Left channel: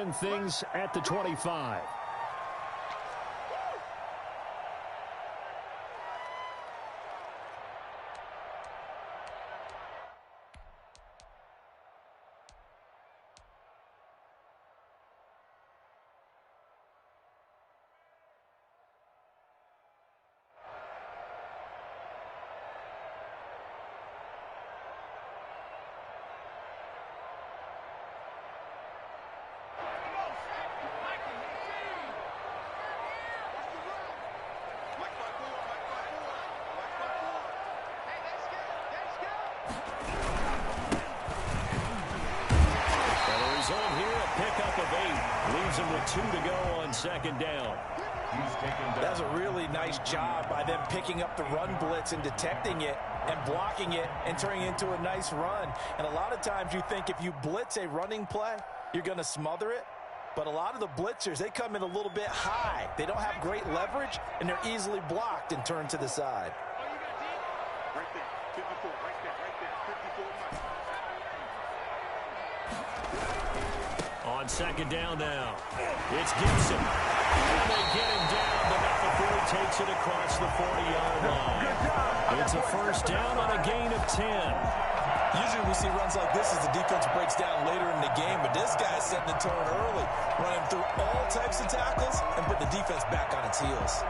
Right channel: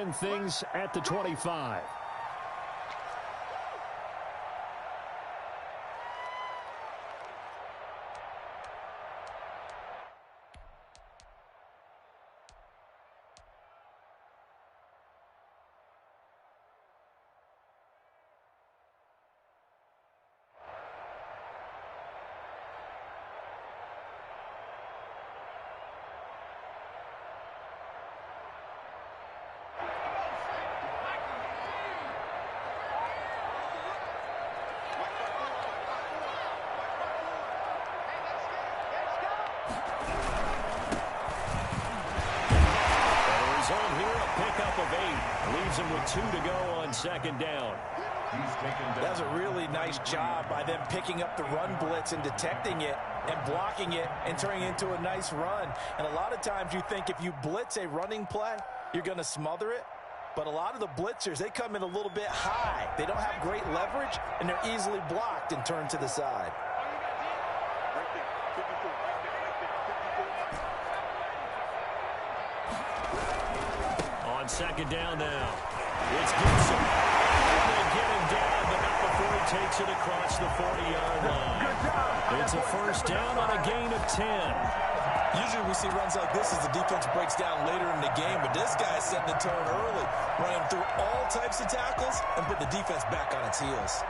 begin things at the 25. Here, a pickup of 8. Leaves him with 2 to go on second down. That's a really nice job by them picking up the run blitz and detecting it and blocking it and turning it into a nice run. And a lot of times you think if you blitz a running play, you're going to smother it. But a lot of the blitzers, they come in a little bit high. They don't have great leverage, and they're easily blocked and turned to the side. Right there, 54, right there, 54 Mike. On second down now, it's Gibson. And they get him down, but not before he takes it across the 40-yard line. It's a first down on a gain of 10. Usually we see runs like this as the defense breaks down later in the game, but this guy's setting the tone early, running through all types of tackles and put the defense back on its heels.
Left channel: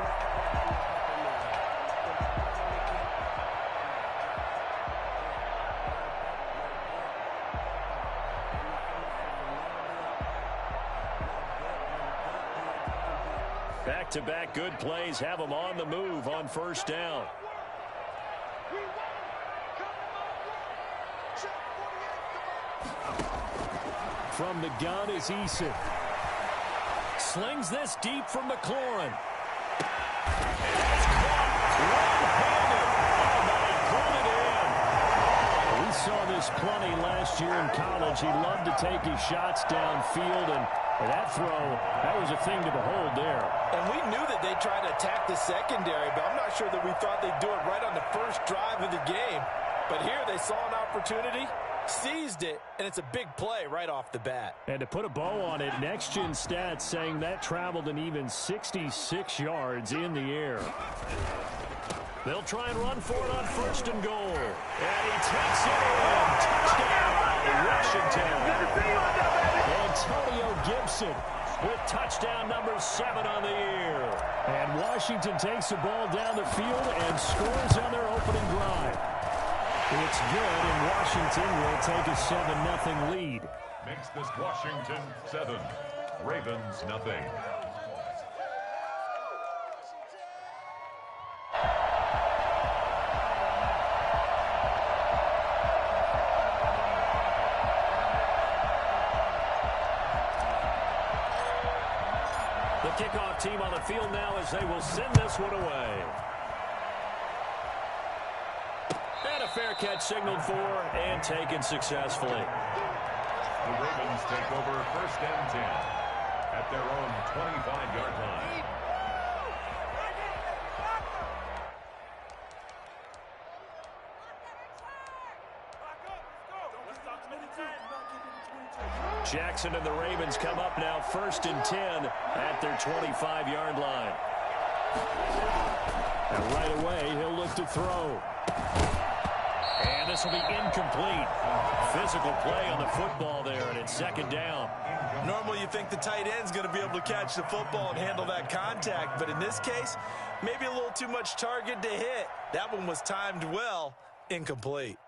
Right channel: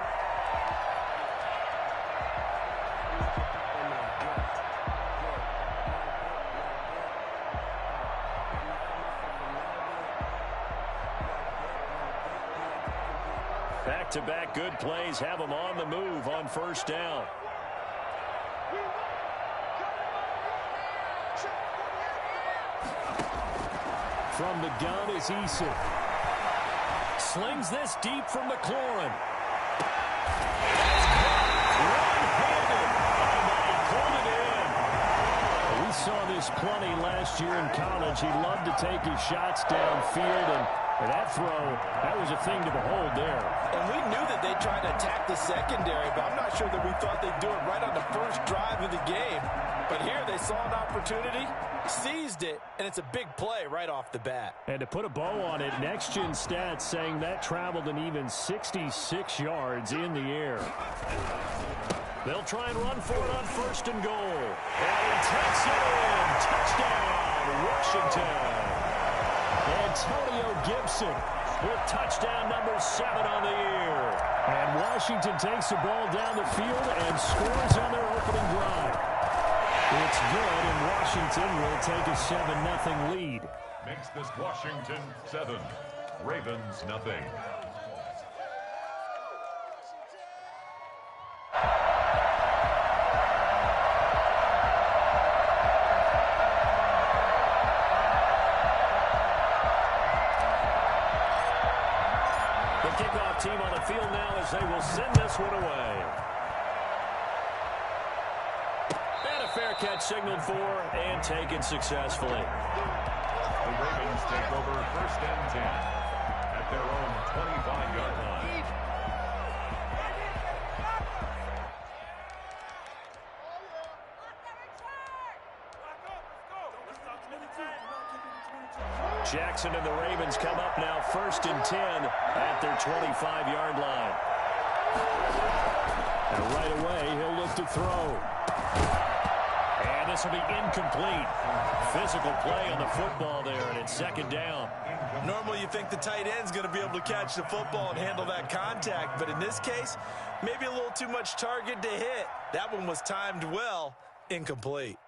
Back-to-back good plays have them on the move on first down. From the gun is Eason. Slings this deep from McLaurin. That's caught one-handed. Oh, my, he pulled it in. We saw this plenty last year in college. He loved to take his shots downfield, and that throw, that was a thing to behold there. And we knew that they'd try to attack the secondary, but I'm not sure that we thought they'd do it right on the first drive of the game. But here they saw an opportunity, seized it, and it's a big play right off the bat. And to put a bow on it, Next Gen Stats saying that traveled an even 66 yards in the air. They'll try and run for it on first and goal. And he takes it in. Touchdown, Washington. Antonio Gibson with touchdown number 7 on the year. And Washington takes the ball down the field and scores on their opening drive. It's good, and Washington will take a 7-0 lead. Makes this Washington 7, Ravens nothing. The kickoff team on the field now as they will send this one away. And a fair catch signaled for and taken successfully. The Ravens take over first and 10 at their own 25-yard line. Jackson and the Ravens come up now first and 10 at their 25-yard line. And right away, he'll look to throw. And this will be incomplete. Physical play on the football there, and it's second down. Normally you think the tight end's going to be able to catch the football and handle that contact, but in this case, maybe a little too much target to hit. That one was timed well, incomplete.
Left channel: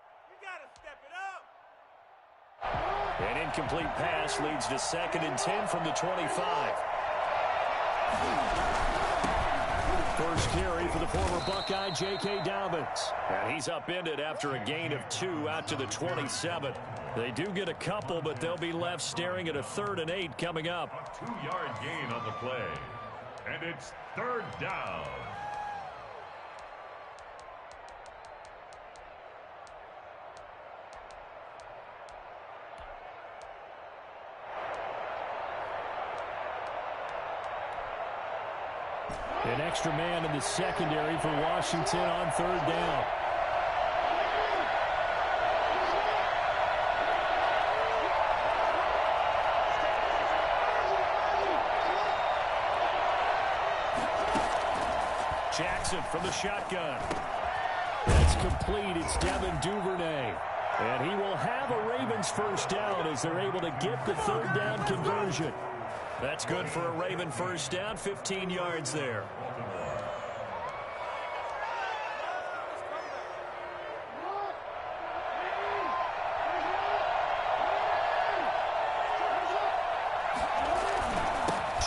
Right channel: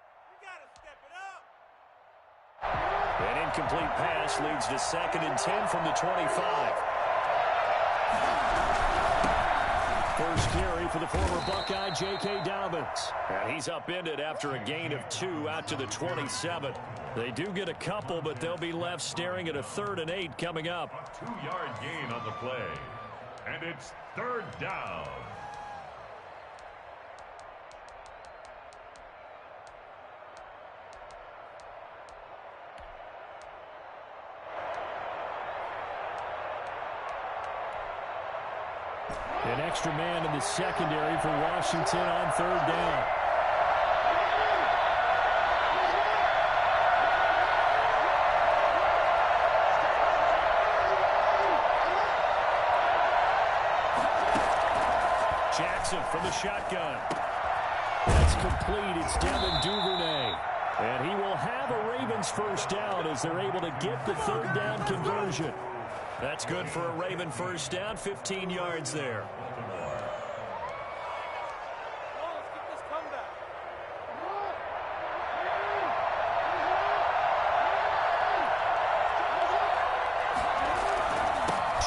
An incomplete pass leads to second and 10 from the 25. First carry for the former Buckeye, J.K. Dobbins. And he's upended after a gain of 2 out to the 27. They do get a couple, but they'll be left staring at a 3rd and 8 coming up. A 2-yard gain on the play. And it's 3rd down. An extra man in the secondary for Washington on 3rd down. Jackson from the shotgun. That's complete. It's Devin Duvernay. And he will have a Ravens first down as they're able to get the third down conversion. That's good for a Raven first down, 15 yards there.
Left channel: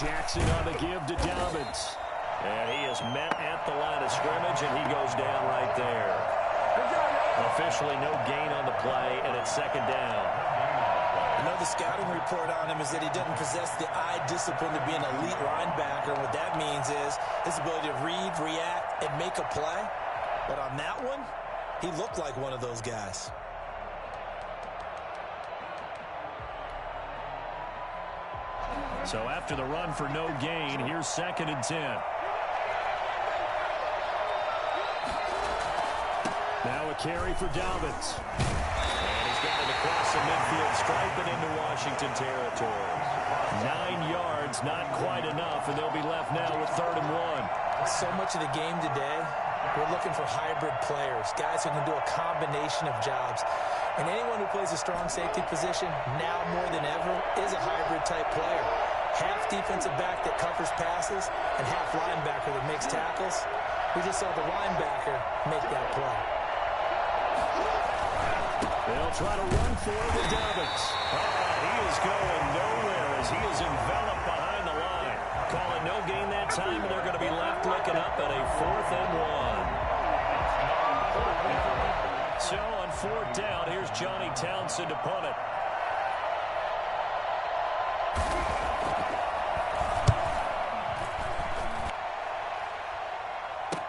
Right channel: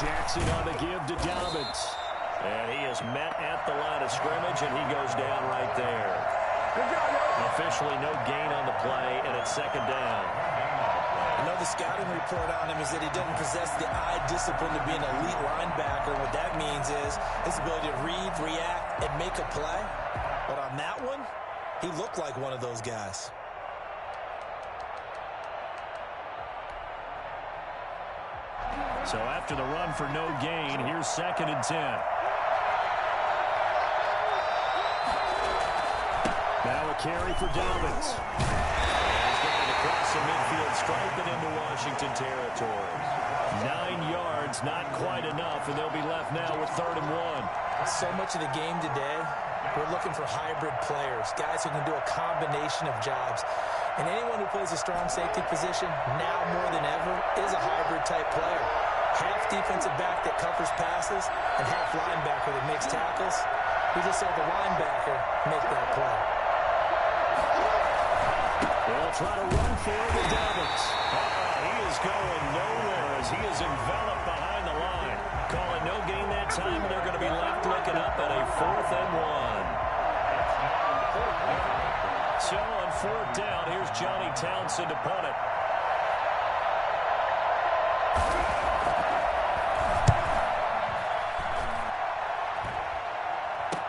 Jackson on the give to Dobbins. And he is met at the line of scrimmage, and he goes down right there. Officially no gain on the play, and it's second down. You know, the scouting report on him is that he doesn't possess the eye discipline to be an elite linebacker. And what that means is his ability to read, react, and make a play. But on that one, he looked like one of those guys. So after the run for no gain, here's 2nd and 10. Now a carry for Dobbins. And he's got it across the midfield stripe and into Washington territory. 9 yards, not quite enough, and they'll be left now with 3rd and 1. So much of the game today, we're looking for hybrid players, guys who can do a combination of jobs. And anyone who plays a strong safety position, now more than ever, is a hybrid type player. Half defensive back that covers passes and half linebacker that makes tackles. We just saw the linebacker make that play. They'll try to run for it with Dobbins. He is going nowhere as he is enveloped behind the line. Call it no gain that time, and they're going to be left looking up at a 4th and 1. So on 4th down, here's Johnny Townsend to punt it.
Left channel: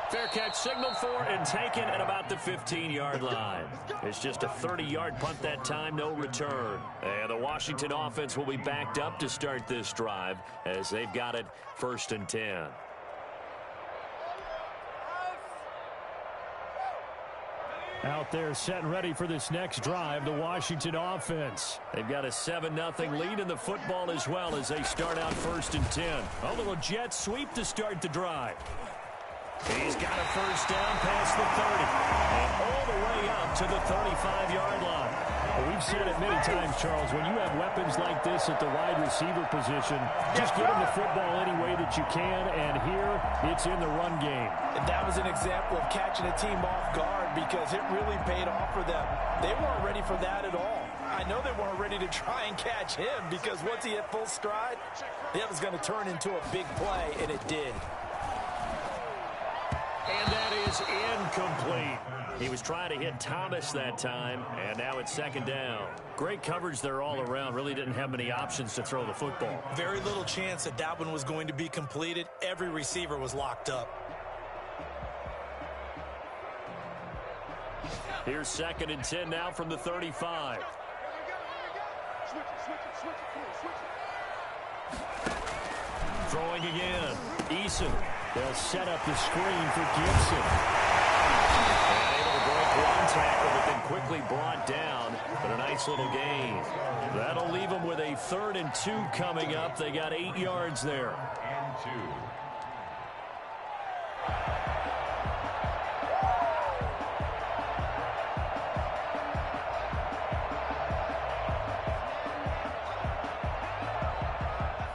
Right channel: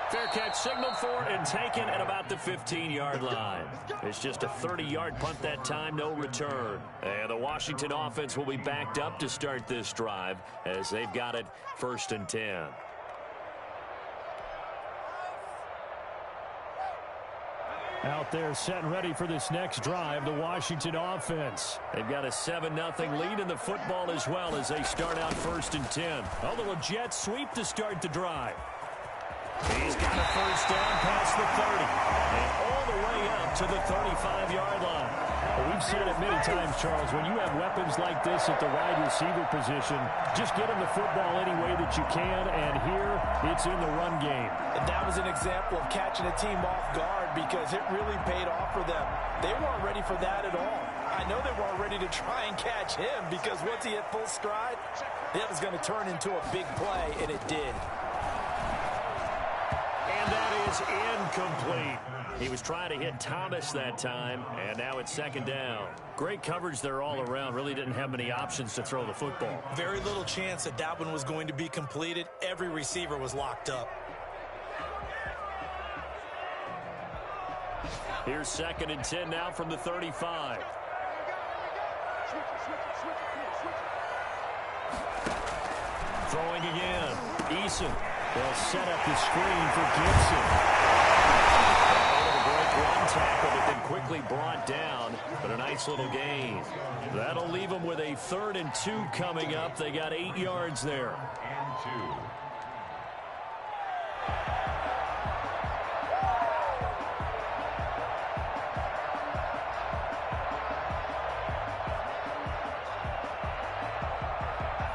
Fair catch signaled for and taken at about the 15-yard line. It's just a 30-yard punt that time, no return. And the Washington offense will be backed up to start this drive as they've got it 1st and 10. Out there set and ready for this next drive, the Washington offense. They've got a 7-0 lead in the football as well as they start out 1st and 10. A little jet sweep to start the drive. He's got a first down past the 30 and all the way up to the 35-yard line. Well, we've said it many times, Charles, when you have weapons like this at the wide receiver position, just get them the football any way that you can, and here it's in the run game. And that was an example of catching a team off guard because it really paid off for them. They weren't ready for that at all. I know they weren't ready to try and catch him because once he hit full stride, that was going to turn into a big play, and it did. And that is incomplete. He was trying to hit Thomas that time, and now it's 2nd down. Great coverage there all around. Really didn't have many options to throw the football. Very little chance that one was going to be completed. Every receiver was locked up. Here's 2nd and 10 now from the 35. Throwing again. Eason. They'll set up the screen for Gibson. And able to break one tackle, but then quickly brought down. But a nice little gain. That'll leave them with a 3rd and 2 coming up. They got 8 yards there. And 2.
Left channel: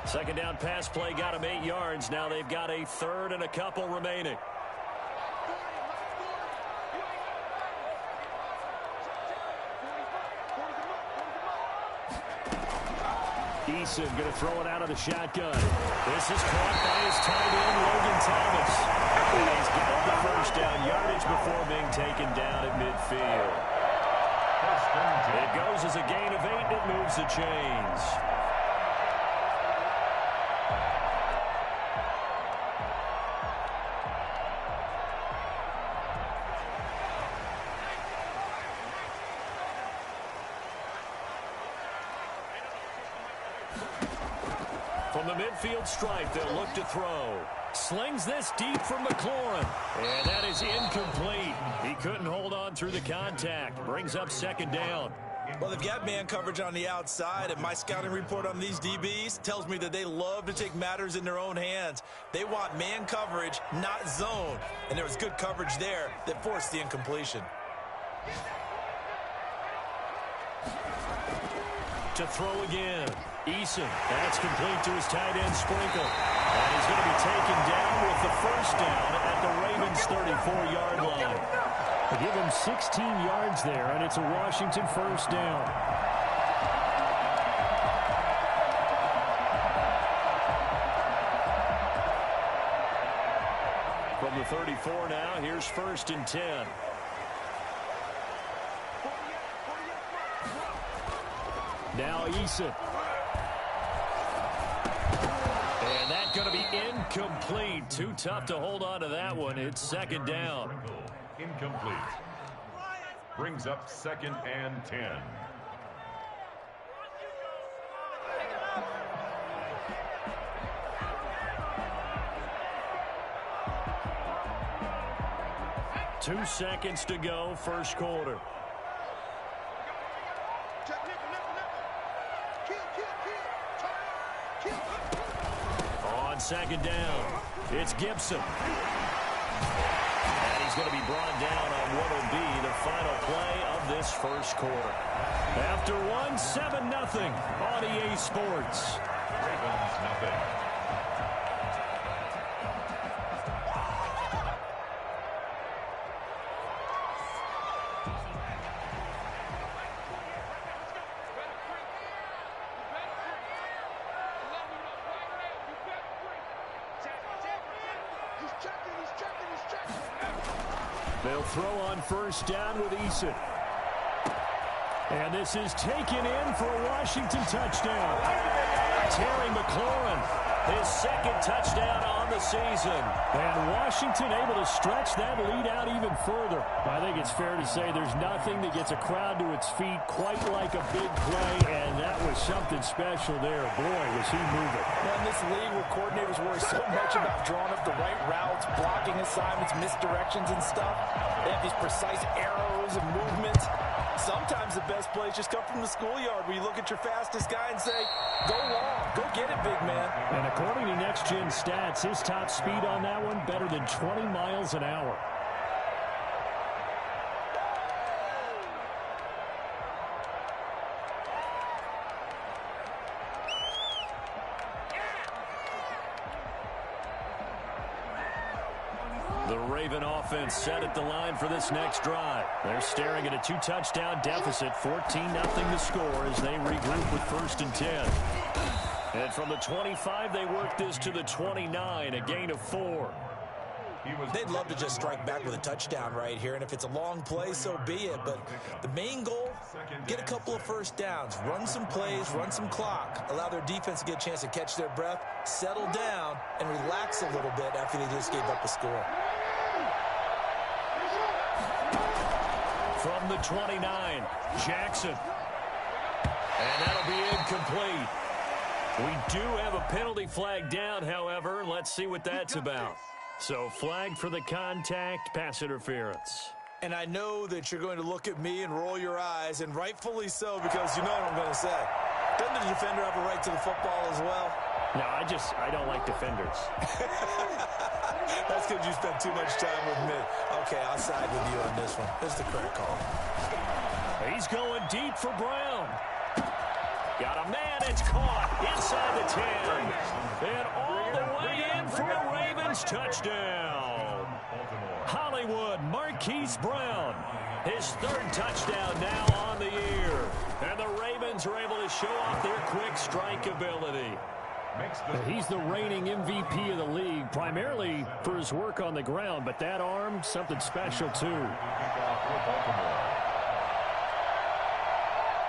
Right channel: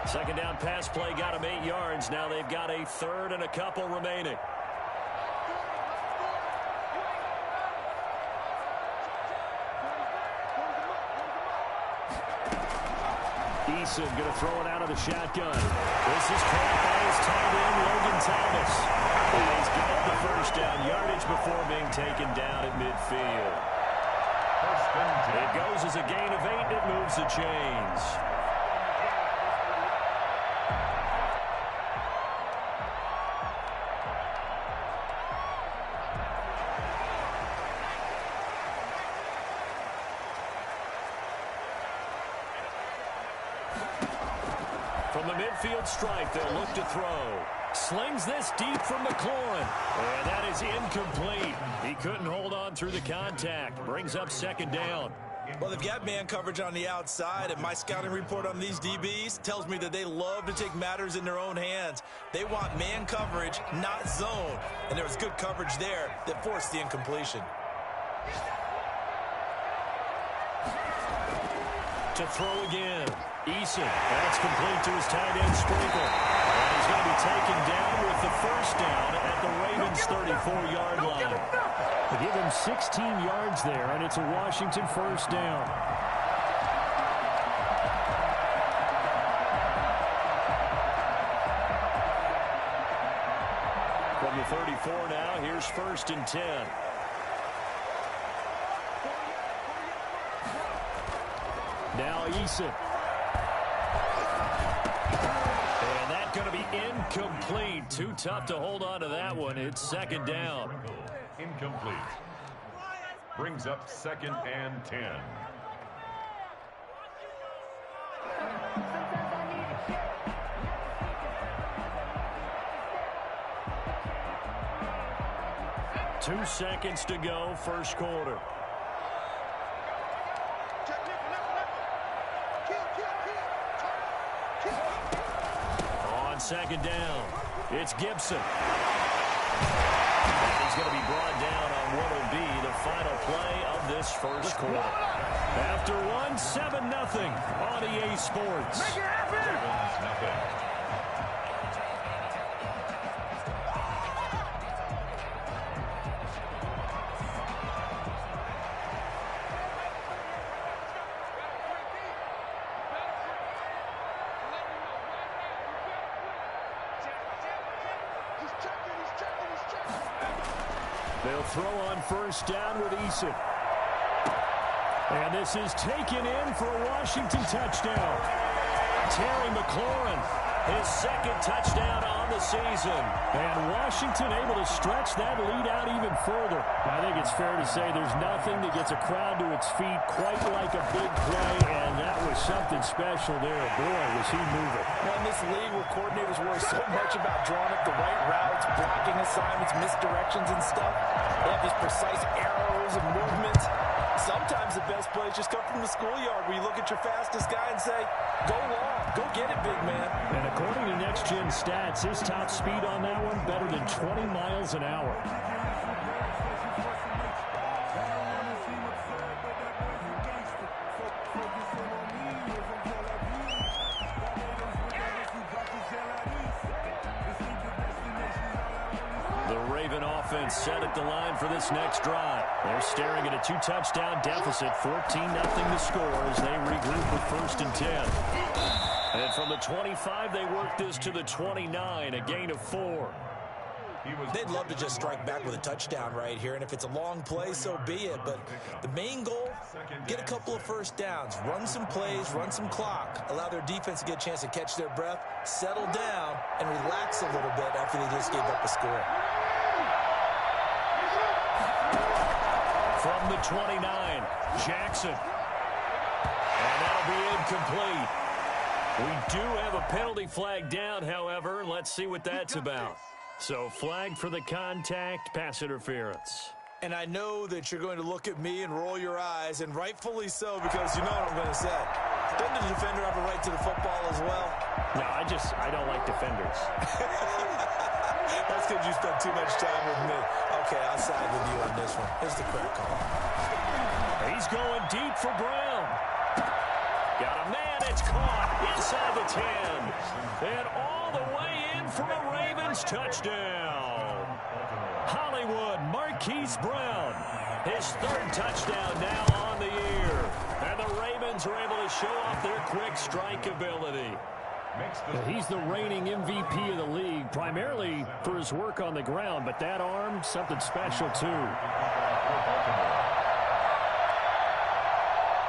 Second down pass play got them 8 yards. Now they've got a 3rd and a couple remaining. Eason going to throw it out of the shotgun. This is caught by his tight end, Logan Thomas. And he's got the first down yardage before being taken down at midfield. It goes as a gain of 8, and it moves the chains. From the midfield stripe, they'll look to throw. Slings this deep from McLaurin. And that is incomplete. He couldn't hold on through the contact. Brings up 2nd down. Well, they've got man coverage on the outside, and my scouting report on these DBs tells me that they love to take matters in their own hands. They want man coverage, not zone, and there was good coverage there that forced the incompletion. To throw again. Eason. That's complete to his tight end, Sprinkle. And he's going to be taken down with the first down at the Ravens' 34-yard line. They give him 16 yards there, and it's a Washington first down. From the 34 now, here's 1st and 10. Now Eason. And that's going to be incomplete. Too tough to hold on to that one. It's 2nd down. Incomplete. Brings up 2nd and 10. Two seconds to go, first quarter. On 2nd down, it's Gibson. And he's going to be brought down on what will be the final play of this first quarter. After one, 7-0 on EA Sports. Ravens nothing. They'll throw on 1st down with Eason. And this is taken in for a Washington touchdown. Terry McLaurin, his 2nd touchdown on the season. And Washington able to stretch that lead out even further. I think it's fair to say there's nothing that gets a crowd to its feet quite like a big play, and that was something special there. Boy, was he moving. Well, in this league where coordinators worry so much about drawing up the right routes, blocking assignments, misdirections and stuff, they have these precise arrows and movements. Sometimes the best plays just come from the schoolyard where you look at your fastest guy and say, go long, go get it, big man. And according to Next Gen Stats, his top speed on that one better than 20 miles an hour. The Raven offense set at the line for this next drive. They're staring at a 2-touchdown deficit, 14-0 the score as they regroup with 1st and 10. And from the 25, they work this to the 29, a gain of 4. They'd love to just strike back with a touchdown right here, and if it's a long play, so be it. But the main goal, get a couple of 1st downs, run some plays, run some clock, allow their defense to get a chance to catch their breath, settle down, and relax a little bit after they just gave up a score. From the 29, Jackson. And that'll be incomplete. We do have a penalty flag down, however. Let's see what that's about. So flag for the contact, pass interference. And I know that you're going to look at me and roll your eyes, and rightfully so, because you know what I'm going to say. Doesn't the defender have a right to the football as well? No, I don't like defenders. That's because you spent too much time with me. Okay, I'll side with you on this one. This is the correct call. He's going deep for Brown. Got a man, it's caught inside the 10. And all the way in for a Ravens touchdown. Hollywood Marquise Brown, his 3rd touchdown now on the year. And the Ravens are able to show off their quick strike ability. He's the reigning MVP of the league, primarily for his work on the ground, but that arm, something special too.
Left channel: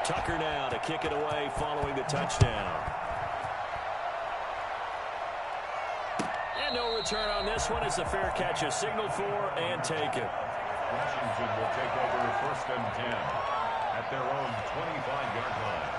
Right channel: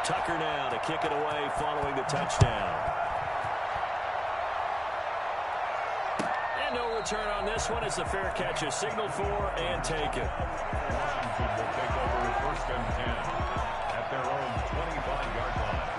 Tucker now to kick it away following the touchdown. And no return on this one as the fair catch is signaled for and taken. Washington will take over 1st and 10 at their own 25-yard line.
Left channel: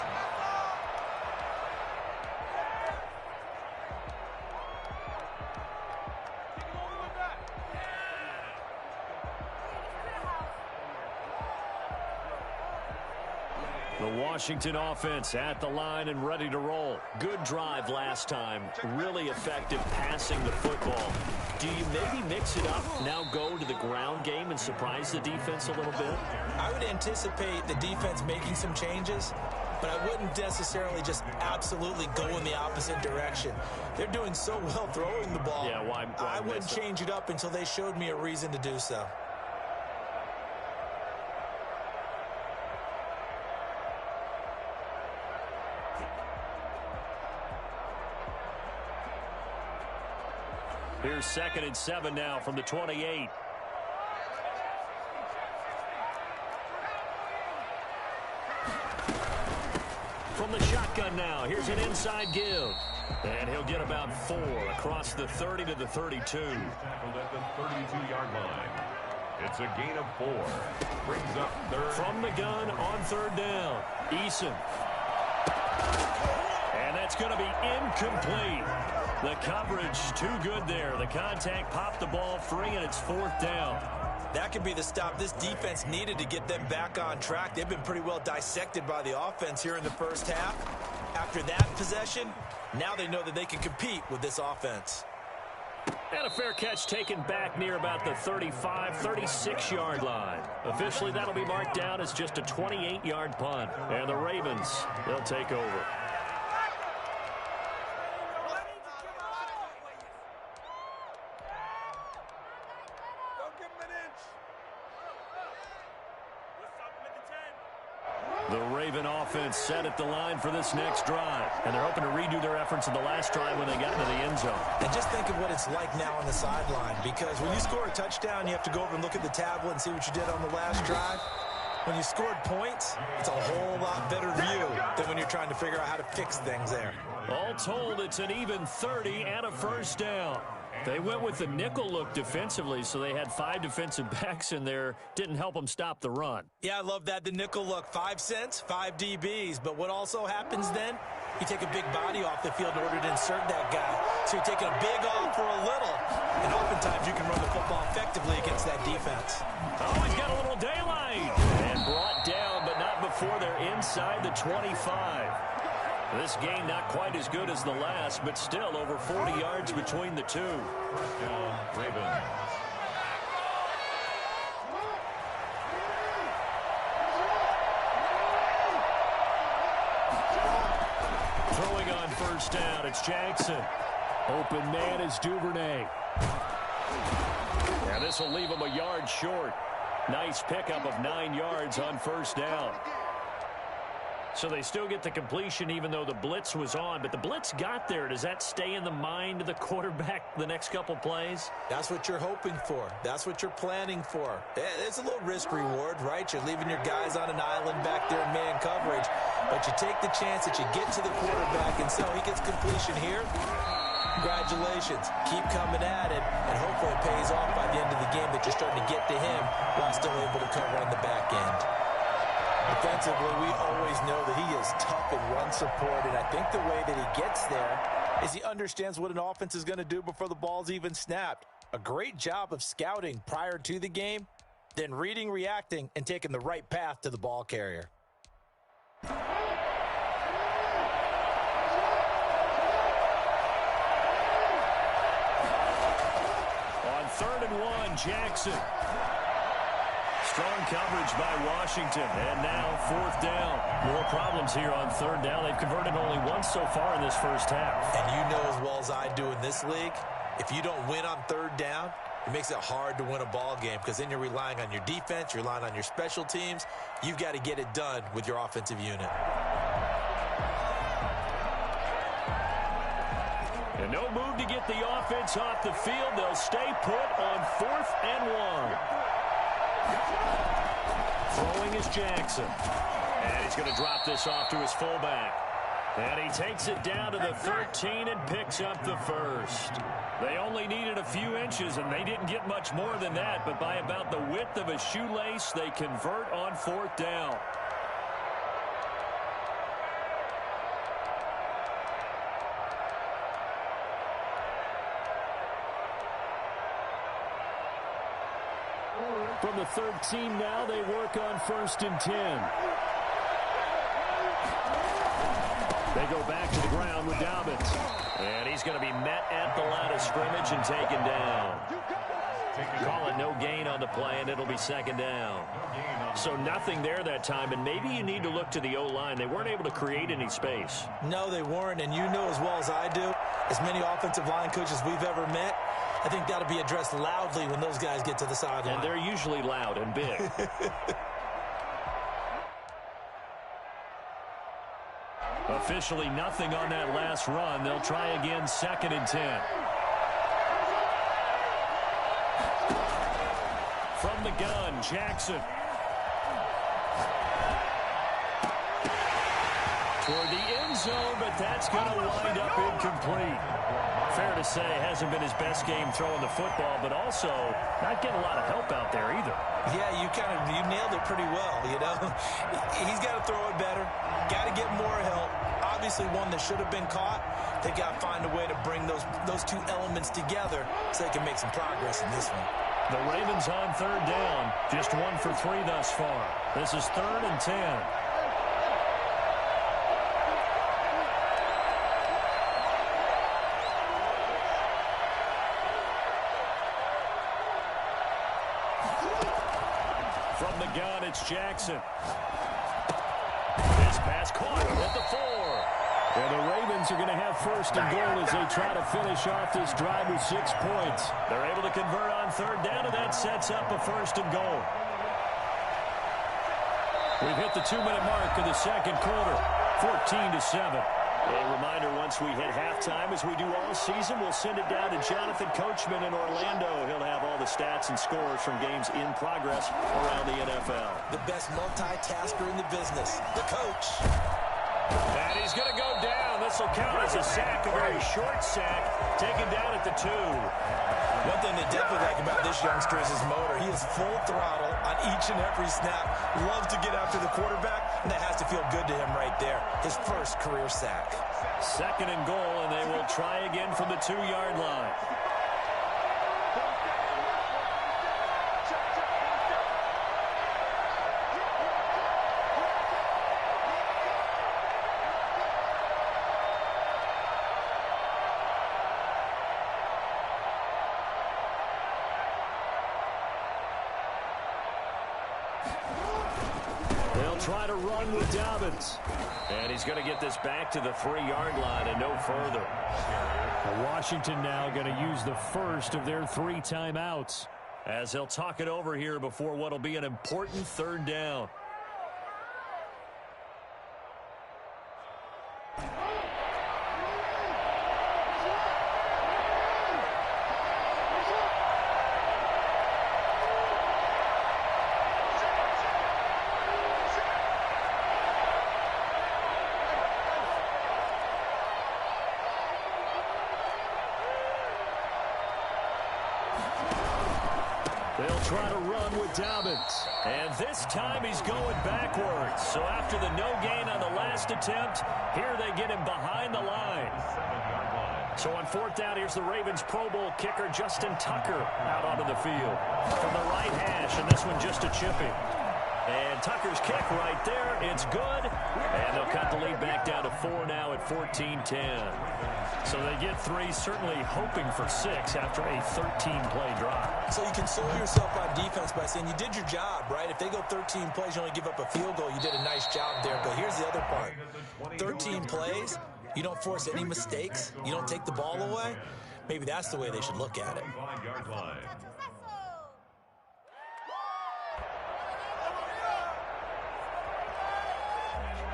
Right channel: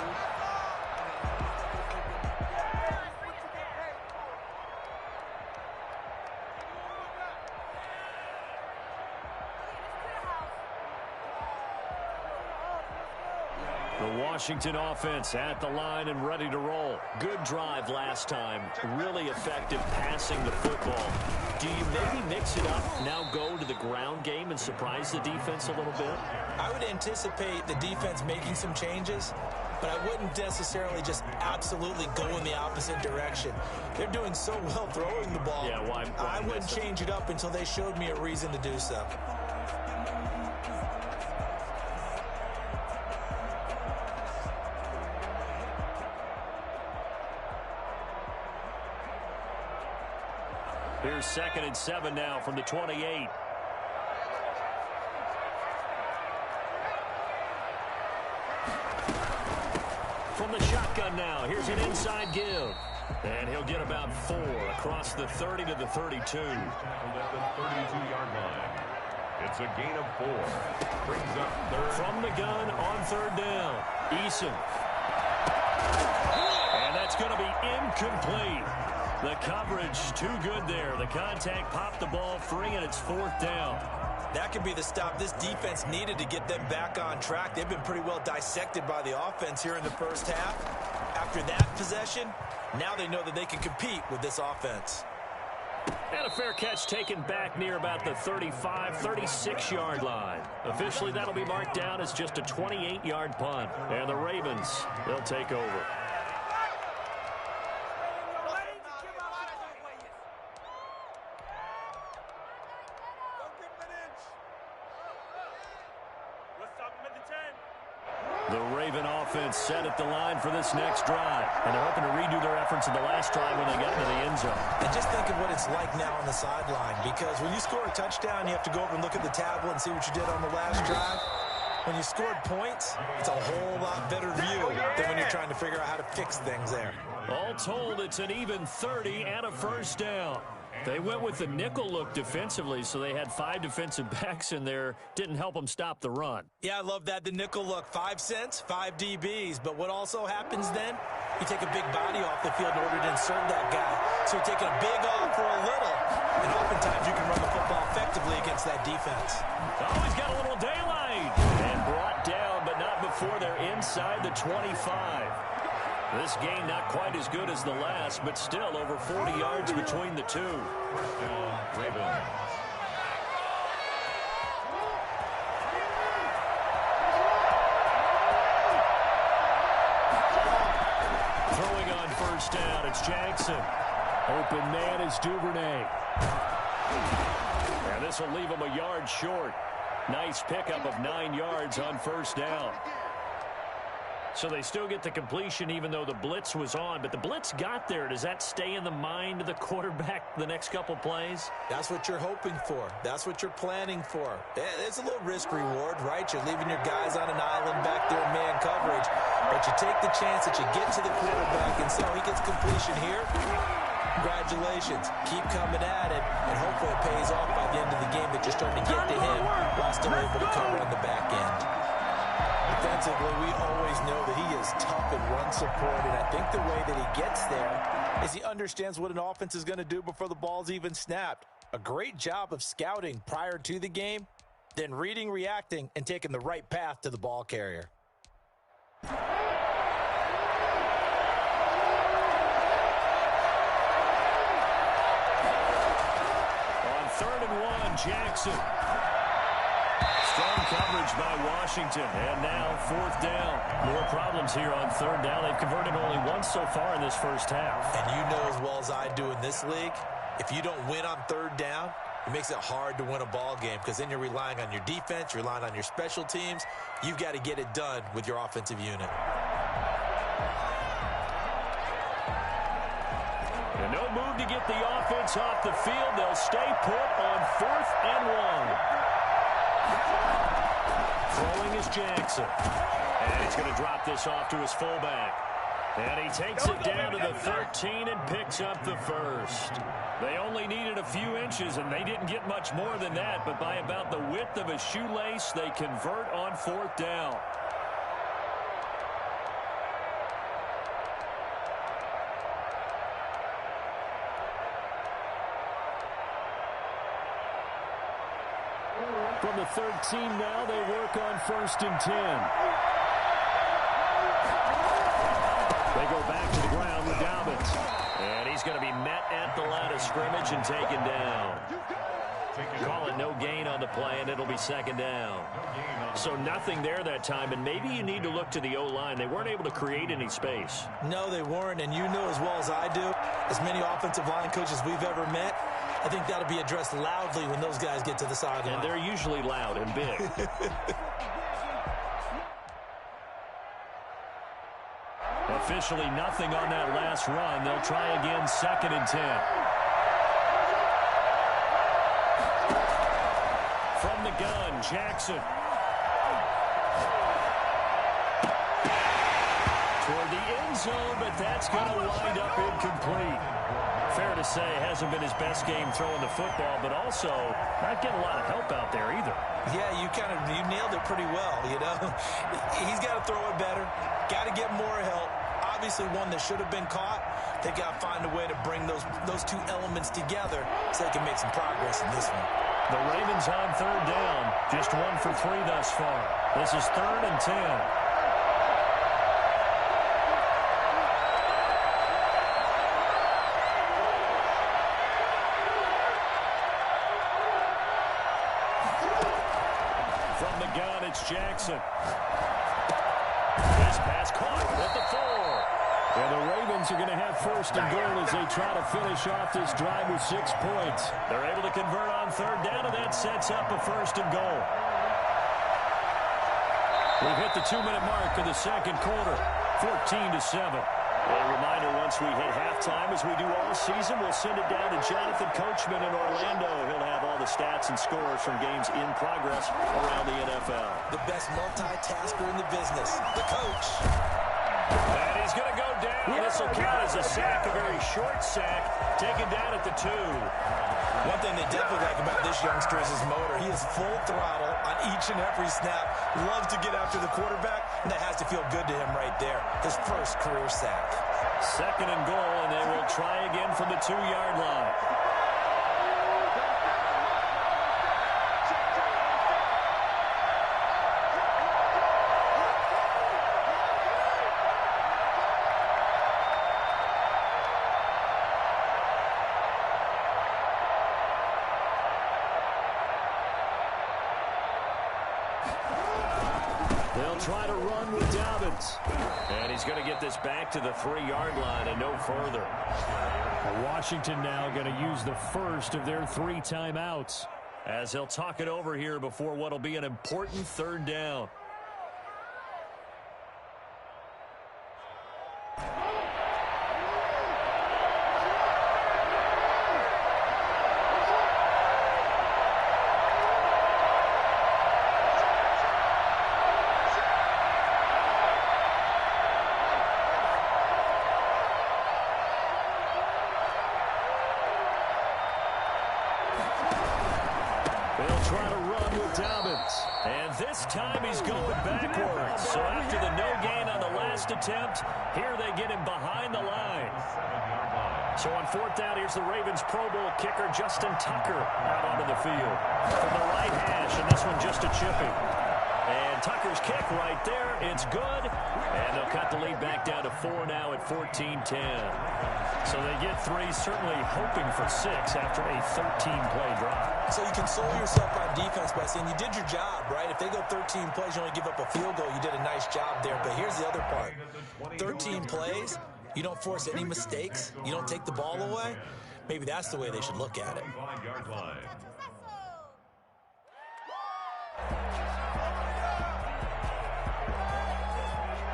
The Washington offense at the line and ready to roll. Good drive last time. Really effective passing the football. Do you maybe mix it up, now go to the ground game and surprise the defense a little bit? I would anticipate the defense making some changes, but I wouldn't necessarily just absolutely go in the opposite direction. They're doing so well throwing the ball. Yeah, why I wouldn't change it up until they showed me a reason to do so. Here's 2nd and 7 now from the 28. From the shotgun now, here's an inside give. And he'll get about 4 across the 30 to the 32. Tackled at the 32-yard line. It's a gain of 4. Brings up 3rd. From the gun on 3rd down, Eason. And that's going to be incomplete. The coverage too good there. The contact popped the ball free, and it's 4th down. That could be the stop this defense needed to get them back on track. They've been pretty well dissected by the offense here in the first half. After that possession, now they know that they can compete with this offense. And a fair catch taken back near about the 35, 36-yard line. Officially, that'll be marked down as just a 28-yard punt. And the Ravens, they'll take over. The Raven offense set at the line for this next drive. And they're hoping to redo their efforts in the last drive when they got into the end zone. And just think of what it's like now on the sideline, because when you score a touchdown, you have to go over and look at the tablet and see what you did on the last drive. When you scored points, it's a whole lot better view than when you're trying to figure out how to fix things there. All told, it's an even 30 and a 1st down. They went with the nickel look defensively, so they had 5 defensive backs in there. Didn't help them stop the run. Yeah, I love that, the nickel look. 5 cents, 5 DBs. But what also happens then? You take a big body off the field in order to insert that guy. So you're taking a big off for a little. And oftentimes you can run the football effectively against that defense. Oh, he's got a little daylight. And brought down, but not before they're inside the 25. This game not quite as good as the last, but still over 40 yards between the two. First down, Ravens. Throwing on 1st down, it's Jackson. Open man is Duvernay. And this will leave him a yard short. Nice pickup of 9 yards on 1st down. So they still get the completion even though the blitz was on. But the blitz got there. Does that stay in the mind of the quarterback the next couple plays? That's what you're hoping for. That's what you're planning for. It's a little risk reward, right? You're leaving your guys on an island back there in man coverage. But you take the chance that you get to the quarterback, and so he gets completion here. Congratulations. Keep coming at it, and hopefully it pays off by the end of the game that you're starting to get to him while still able to cover on the back end. Defensively, we always know that he is tough in run support, and I think the way that he gets there is he understands what an offense is going to do before the ball's even snapped. A great job of scouting prior to the game, then reading, reacting, and taking the right path to the ball carrier. On 3rd and 1, Jackson. Strong coverage by Washington, and now 4th down. More problems here on 3rd down. They've converted only once so far in this first half. And you know as well as I do in this league, if you don't win on 3rd down, it makes it hard to win a ball game because then you're relying on your defense, you're relying on your special teams. You've got to get it done with your offensive unit. And no move to get the offense off the field. They'll stay put on 4th and 1. Throwing is Jackson. And he's going to drop this off to his fullback. And he takes it down to the 13 and picks up the 1st. They only needed a few inches, and they didn't get much more than that. But by about the width of a shoelace, they convert on 4th down. From the 13 now, they work on 1st and 10. They go back to the ground with Dobbins. And he's going to be met at the line of scrimmage and taken down. Call it no gain on the play, and it'll be second down. So nothing there that time, and maybe you need to look to the O-line. They weren't able to create any space. No, they weren't, and you know as well as I do, as many offensive line coaches we've ever met, I think that'll be addressed loudly when those guys get to the sideline. And they're usually loud and big. Officially nothing on that last run. They'll try again, 2nd and 10. From the gun, Jackson. Toward the end zone, but that's going to wind up incomplete. Fair to say, hasn't been his best game throwing the football, but also not getting a lot of help out there either. Yeah, you nailed it pretty well, you know. He's got to throw it better, got to get more help. Obviously one that should have been caught. They got to find a way to bring those two elements together so they can make some progress in this one. The Ravens on 3rd down, just 1 for 3 thus far. This is 3rd and 10. From the gun, it's Jackson. This pass caught at the 4. And the Ravens are going to have 1st and goal as they try to finish off this drive with 6 points. They're able to convert on 3rd down, and that sets up a 1st and goal. We've hit the 2-minute mark of the 2nd quarter, 14-7. A reminder, once we hit halftime, as we do all season, we'll send it down to Jonathan Coachman in Orlando. He'll have all the stats and scores from games in progress around the NFL. The best multitasker in the business, the coach. And he's going to go down. This will count as a sack, a very short sack, taken down at the 2. One thing they definitely like about this youngster is his motor. He is full throttle on each and every snap. Loves to get after the quarterback, and that has to feel good to him right there. His first career sack. 2nd and goal, and they will try again from the 2-yard line. They'll try to run with Dobbins. And he's going to get this back to the 3-yard line and no further. Washington now going to use the first of their 3 timeouts as they'll talk it over here before what will be an important 3rd down. They'll try to run with Dobbins. And this time he's going backwards. So after the no gain on the last attempt, here they get him behind the line. So on 4th down, here's the Ravens Pro Bowl kicker Justin Tucker out onto the field. From the right hash, and this one just a chipping. And Tucker's kick right there. It's good. And they'll cut the lead back down to 4 now at 14-10. So they get 3, certainly hoping for 6 after a 13-play drive. So you console yourself on defense by saying you did your job, right? If they go 13 plays, you only give up a field goal, you did a nice job there. But here's the other part. 13 plays, you don't force any mistakes, you don't take the ball away. Maybe that's the way they should look at it.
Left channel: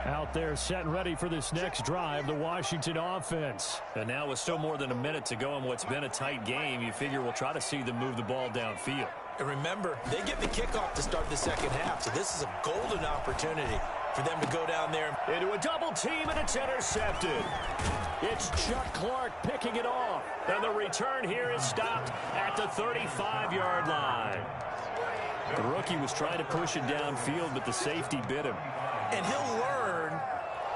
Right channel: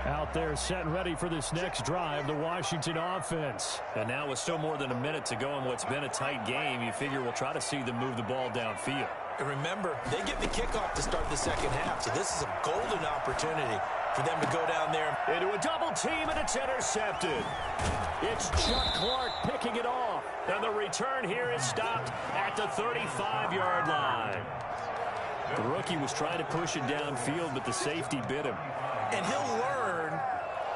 Out there set and ready for this next drive, the Washington offense. And now with still more than a minute to go in what's been a tight game, you figure we'll try to see them move the ball downfield. And remember, they get the kickoff to start the 2nd half, so this is a golden opportunity for them to go down there. Into a double team, and it's intercepted. It's Chuck Clark picking it off. And the return here is stopped at the 35-yard line. The rookie was trying to push it downfield, but the safety bit him. And he'll learn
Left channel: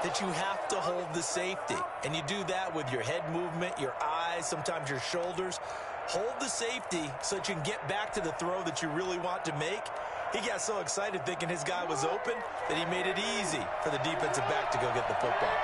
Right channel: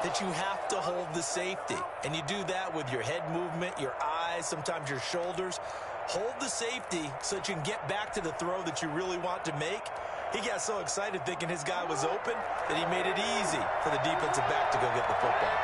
that you have to hold the safety. And you do that with your head movement, your eyes, sometimes your shoulders. Hold the safety so that you can get back to the throw that you really want to make. He got so excited thinking his guy was open that he made it easy for the defensive back to go get the football.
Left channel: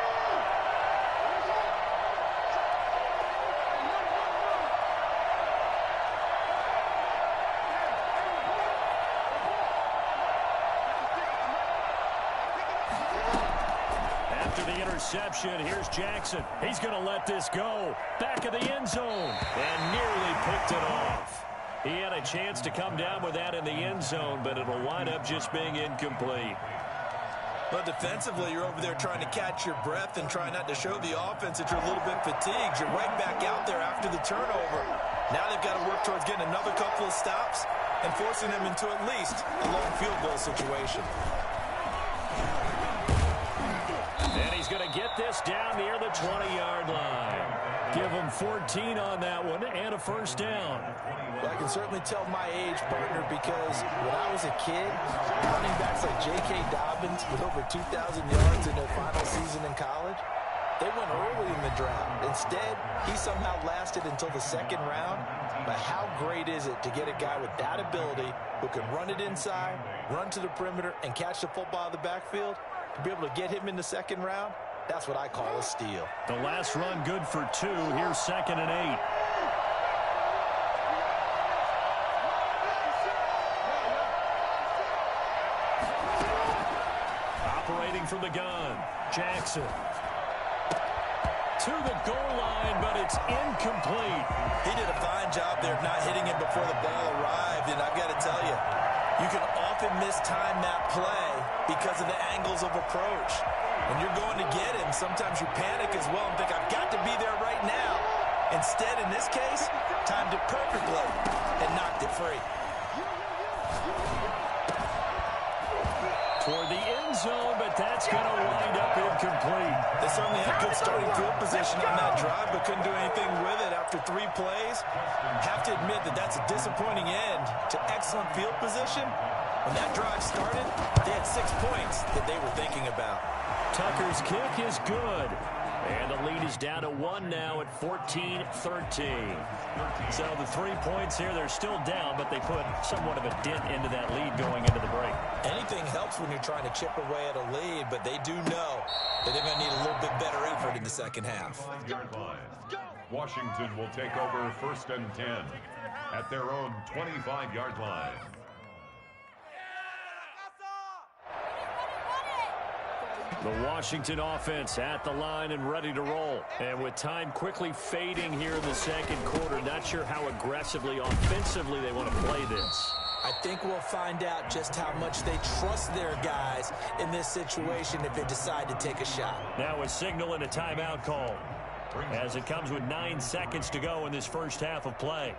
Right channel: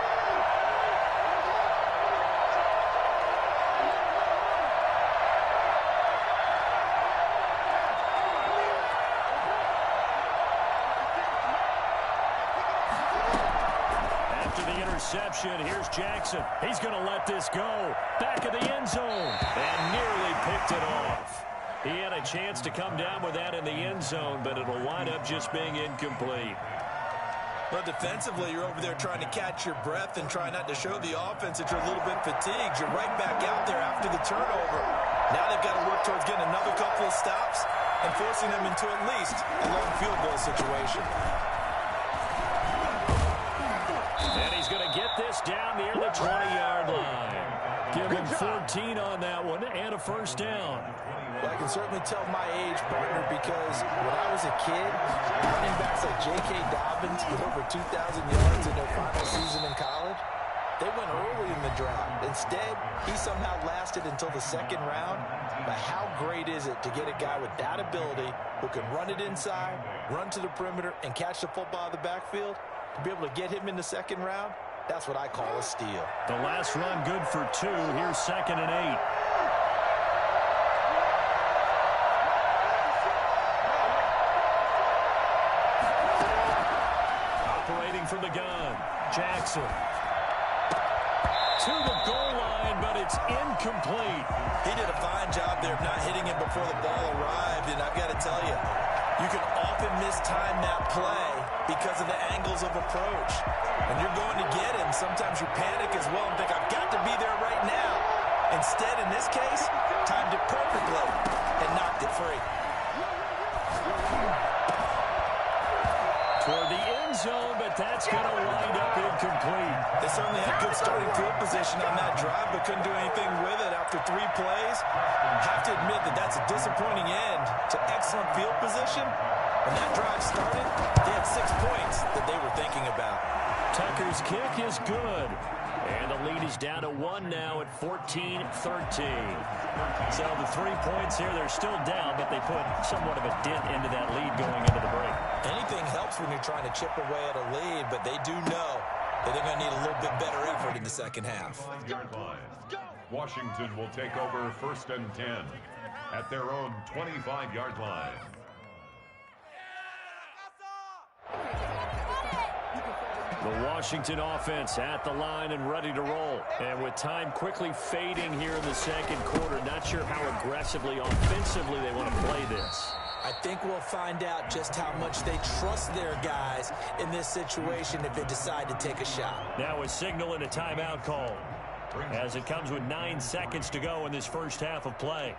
reception. Here's Jackson. He's going to let this go. Back of the end zone. And nearly picked it off. He had a chance to come down with that in the end zone, but it'll wind up just being incomplete. Well, defensively, you're over there trying to catch your breath and try not to show the offense that you're a little bit fatigued. You're right back out there after the turnover. Now they've got to work towards getting another couple of stops and forcing them into at least a long field goal situation. And he's going to get this down near the 20-yard line. Give him 14 on that one and a first down. Well, I can certainly tell my age, partner, because when I was a kid, running backs like J.K. Dobbins with over 2,000 yards in their final season in college, they went early in the draft. Instead, he somehow lasted until the second round. But how great is it to get a guy with that ability who can run it inside, run to the perimeter, and catch the football in the backfield? To be able to get him in the second round, that's what I call a steal. The last run good for 2. Here's 2nd and 8. Operating from the gun, Jackson. To the goal line, but it's incomplete. He did a fine job there of not hitting it before the ball arrived, and I've got to tell you, you can often mistime that play because of the angles of approach. When you're going to get him, sometimes you panic as well and think, I've got to be there right now. Instead, in this case, timed it perfectly and knocked it free. Toward the end zone, but that's going to wind up incomplete. They certainly had good starting field position on that drive, but couldn't do anything with it after 3 plays. Have to admit that that's a disappointing end to excellent field position. When that drive started, they had 6 points that they were thinking about. Tucker's kick is good. And the lead is down to 1 now at 14-13. So the 3 points here, they're still down, but they put somewhat of a dent into that lead going into the break. Anything helps when you're trying to chip away at a lead, but they do know that they're going to need a little bit better effort in the second half. Washington will take over 1st and 10 at their own 25-yard line. The Washington offense at the line and ready to roll. And with time quickly fading here in the second quarter, not sure how aggressively, offensively they want to play this. I think we'll find out just how much they trust their guys in this situation if they decide to take a shot. Now a signal and a timeout call as it comes with 9 seconds to go in this first half of play.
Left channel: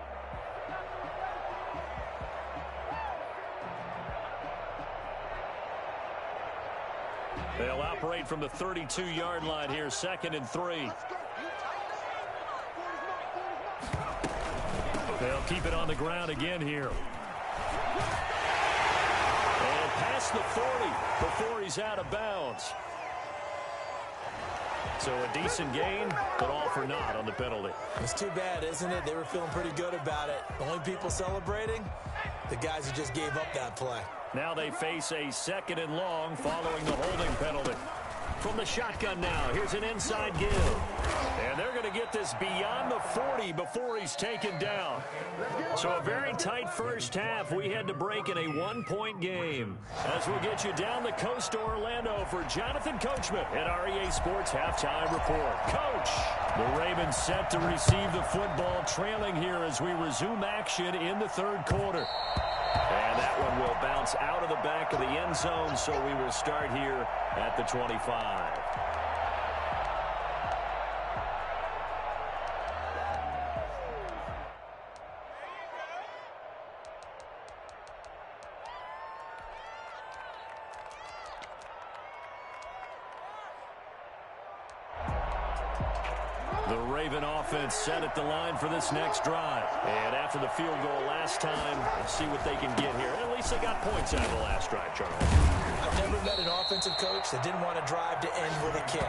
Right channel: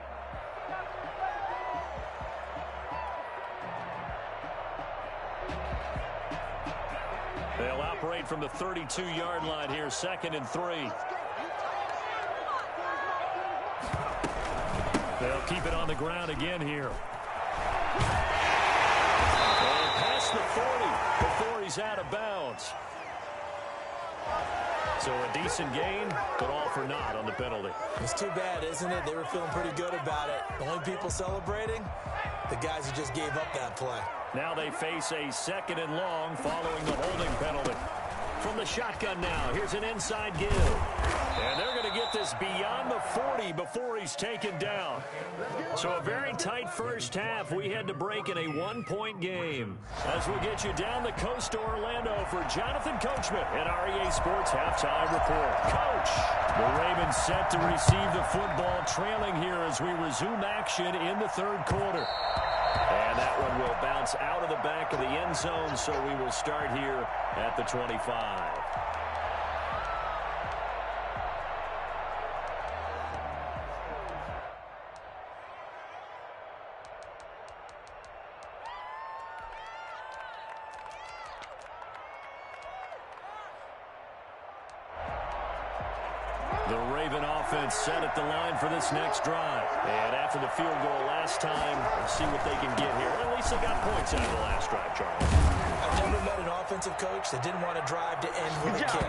They'll operate from the 32-yard line here, 2nd and 3. They'll keep it on the ground again here. And past the 40 before he's out of bounds. So a decent gain, but all for naught on the penalty. It's too bad, isn't it? They were feeling pretty good about it. The only people celebrating, the guys who just gave up that play. Now they face a 2nd and long following the holding penalty. From the shotgun now, here's an inside give. And they're going to get this beyond the 40 before he's taken down. So a very tight first half. We had to break in a 1-point game. As we'll get you down the coast to Orlando for Jonathan Coachman at our EA Sports Halftime Report. Coach, the Ravens set to receive the football, trailing here as we resume action in the 3rd quarter. And that one will bounce out of the back of the end zone, so we will start here at the 25. The Raven offense set at the line for this next drive. And after the field goal last time, let's see what they can get here. At least they got points out of the last drive, Charles. I've never met an offensive coach that didn't want to drive to end with a kick.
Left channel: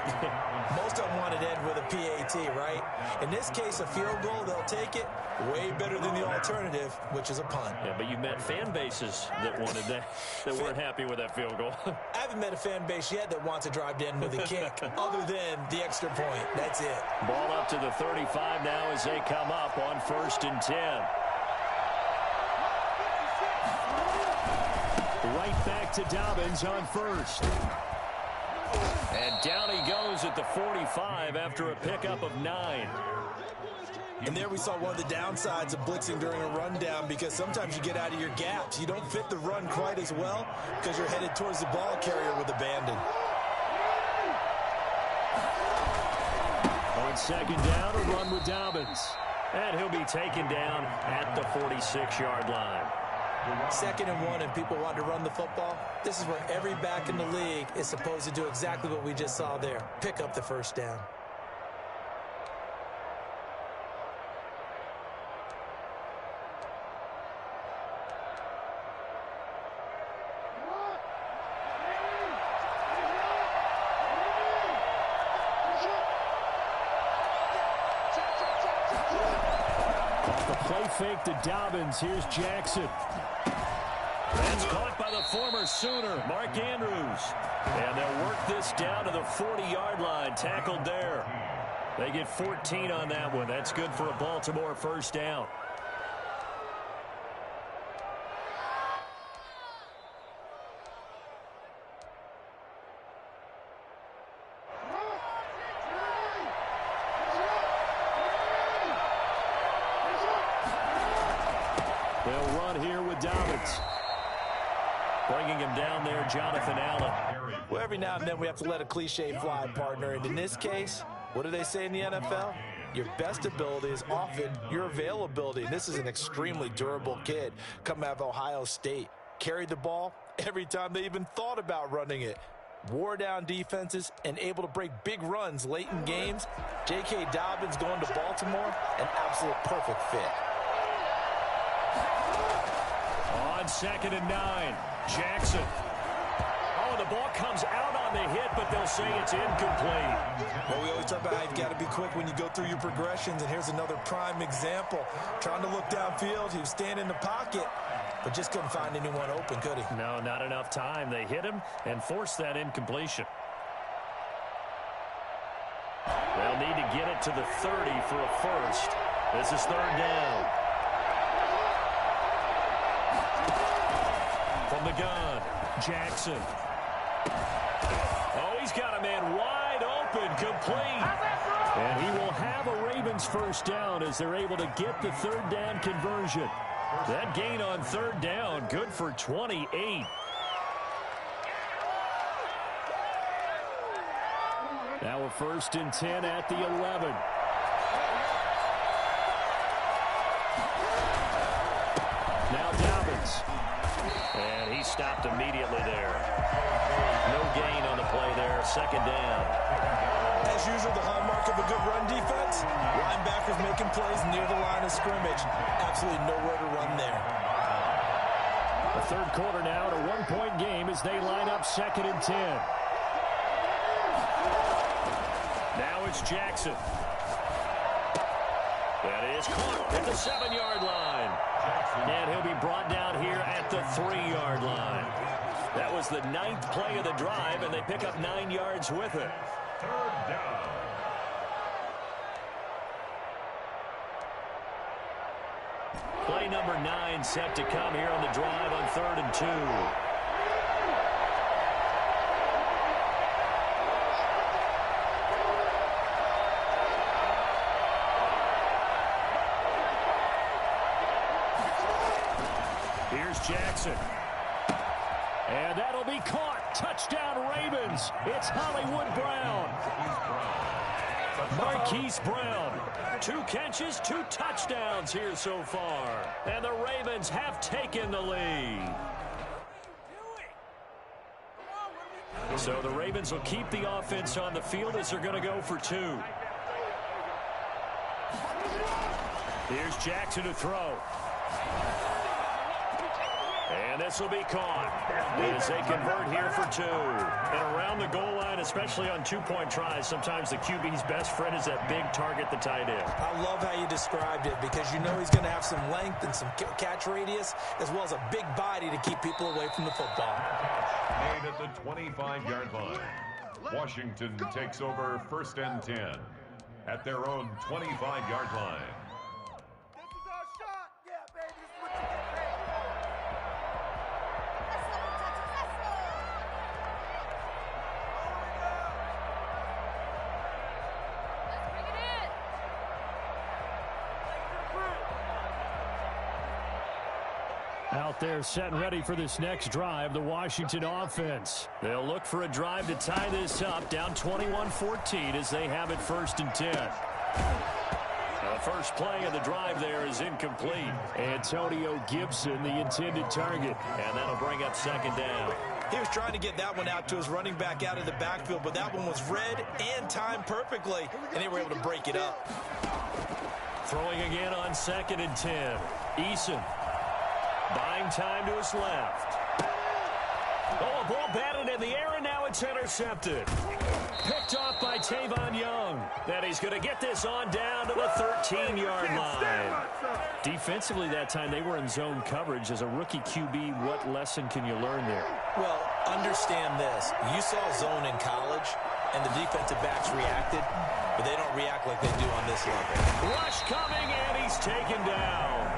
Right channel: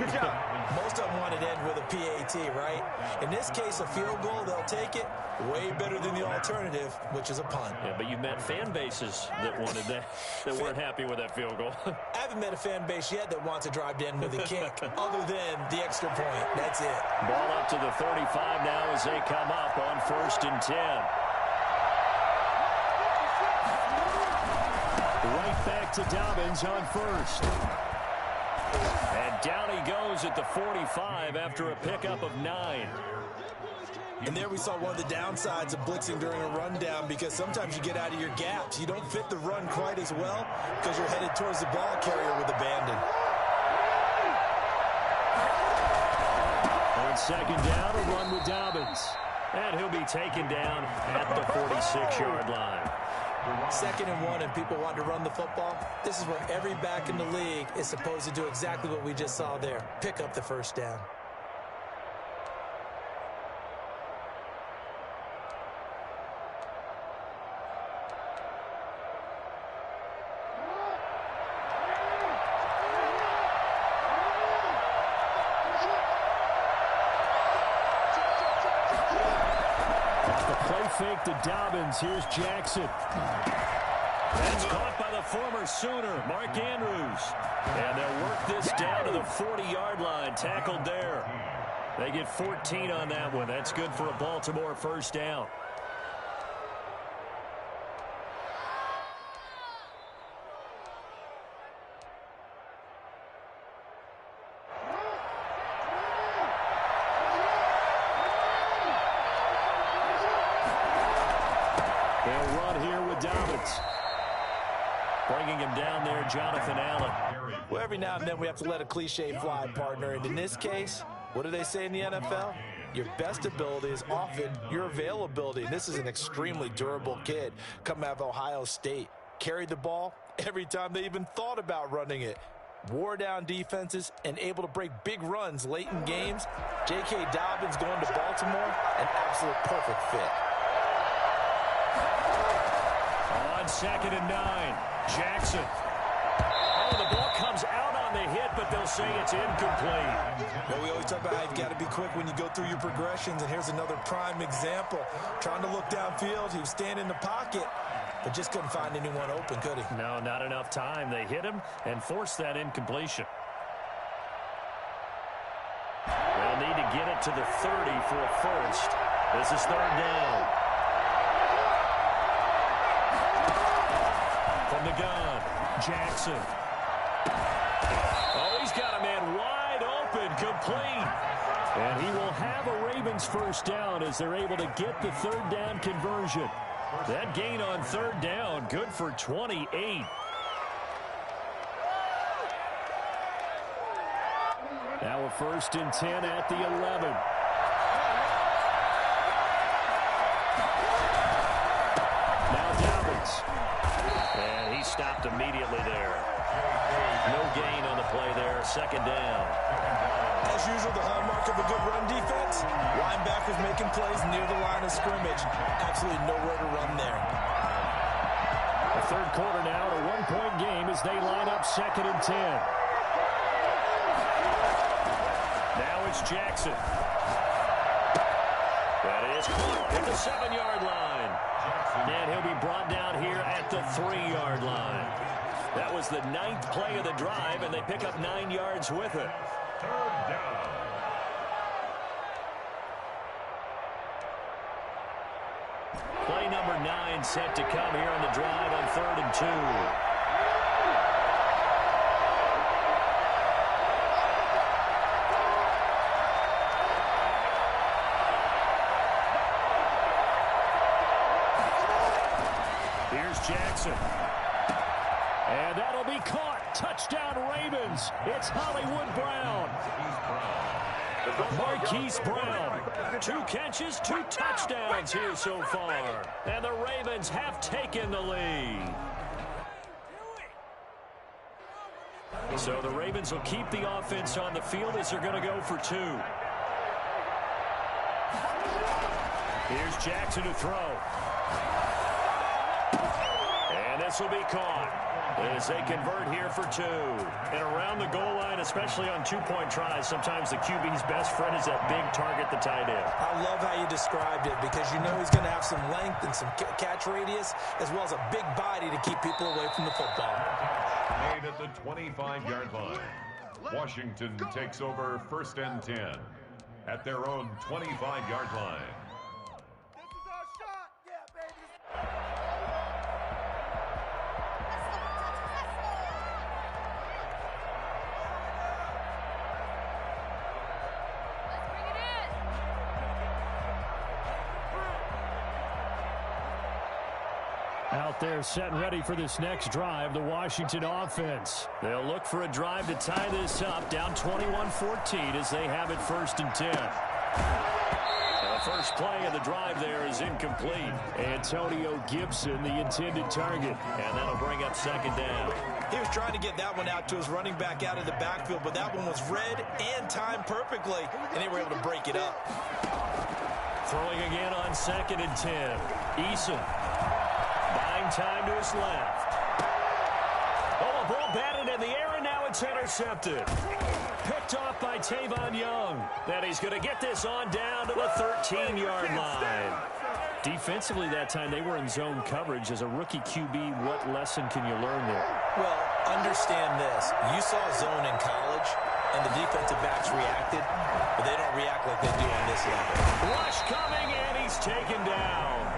Most of them wanted to end with a PAT, right? In this case, a field goal, they'll take it. Way better than the alternative, which is a punt. Yeah, but you've met fan bases that wanted that, that weren't happy with that field goal. I haven't met a fan base yet that wants to drive to end with a kick, other than the extra point. That's it. Ball up to the 35 now as they come up on 1st and 10. Right back to Dobbins on 1st. And down he goes at the 45 after a pickup of 9. And there we saw one of the downsides of blitzing during a rundown, because sometimes you get out of your gaps. You don't fit the run quite as well because you're headed towards the ball carrier with abandon. On second down, a run with Dobbins. And he'll be taken down at the 46-yard line. 2nd and 1, and people want to run the football. This is where every back in the league is supposed to do exactly what we just saw there. Pick up the first down. Play fake to Dobbins. Here's Jackson. That's caught by the former Sooner, Mark Andrews. And they'll work this down to the 40-yard line. Tackled there. They get 14 on that one. That's good for a Baltimore first down. They'll run here with Dobbins. Bringing him down there, Jonathan Allen. Well, every now and then we have to let a cliche fly, partner. And in this case, what do they say in the NFL? Your best ability is often your availability. And this is an extremely durable kid coming out of Ohio State. Carried the ball every time they even thought about running it. Wore down defenses and able to break big runs late in games. J.K. Dobbins going to Baltimore, an absolute perfect fit. On 2nd and 9, Jackson. Oh, the ball comes out on the hit, but they'll say it's incomplete. Well, we always talk about how you've got to be quick when you go through your progressions, and here's another prime example. Trying to look downfield, he was standing in the pocket, but just couldn't find anyone open, could he? No, not enough time. They hit him and forced that incompletion. They'll need to get it to the 30 for a first. This is 3rd down. From the gun, Jackson. Oh, he's got a man wide open, complete. And he will have a Ravens first down as they're able to get the 3rd down conversion. That gain on 3rd down, good for 28. Now a 1st and 10 at the 11. Now Dobbins. And he stopped immediately there. No gain on the play there. 2nd down. As usual, the hallmark of a good run defense, linebackers making plays near the line of scrimmage. Absolutely nowhere to run there. The 3rd quarter now, at a 1-point game as they line up 2nd and 10. Now it's Jackson. That is caught at the 7-yard line. And he'll be brought down here at the 3-yard line. That was the 9th play of the drive, and they pick up 9 yards with it. 3rd down. Play number 9 set to come here on the drive on 3rd and 2. Here's Jackson. And that'll be caught. Touchdown Ravens. It's Hollywood Brown. Marquise Brown. 2 catches, 2 touchdowns here so far. And the Ravens have taken the lead. So the Ravens will keep the offense on the field as they're going to go for 2. Here's Jackson to throw. And this will be caught as they convert here for 2. And around the goal line, especially on 2-point tries, sometimes the QB's best friend is that big target, the tight end. I love how you described it, because you know he's going to have some length and some catch radius, as well as a big body to keep people away from the football. Made at the 25-yard line. Washington takes over 1st and 10 at their own 25-yard line. Out there set and ready for this next drive, the Washington offense. They'll look for a drive to tie this up, down 21-14 as they have it 1st and 10. The first play of the drive there is incomplete. Antonio Gibson, the intended target, and that'll bring up 2nd down. He was trying to get that one out to his running back out of the backfield, but that one was read and timed perfectly, and they were able to break it up. Throwing again on 2nd and 10. Eason buying time to his left. Oh, a ball batted in the air, and now it's intercepted. Picked off by Tavon Young. Then he's going to get this on down to the 13-yard line. Defensively that time, they were in zone coverage. As a rookie QB, what lesson can you learn there? Well, understand this. You saw zone in college, and the defensive backs reacted, but they don't react like they do on this level. Rush coming, and he's taken down.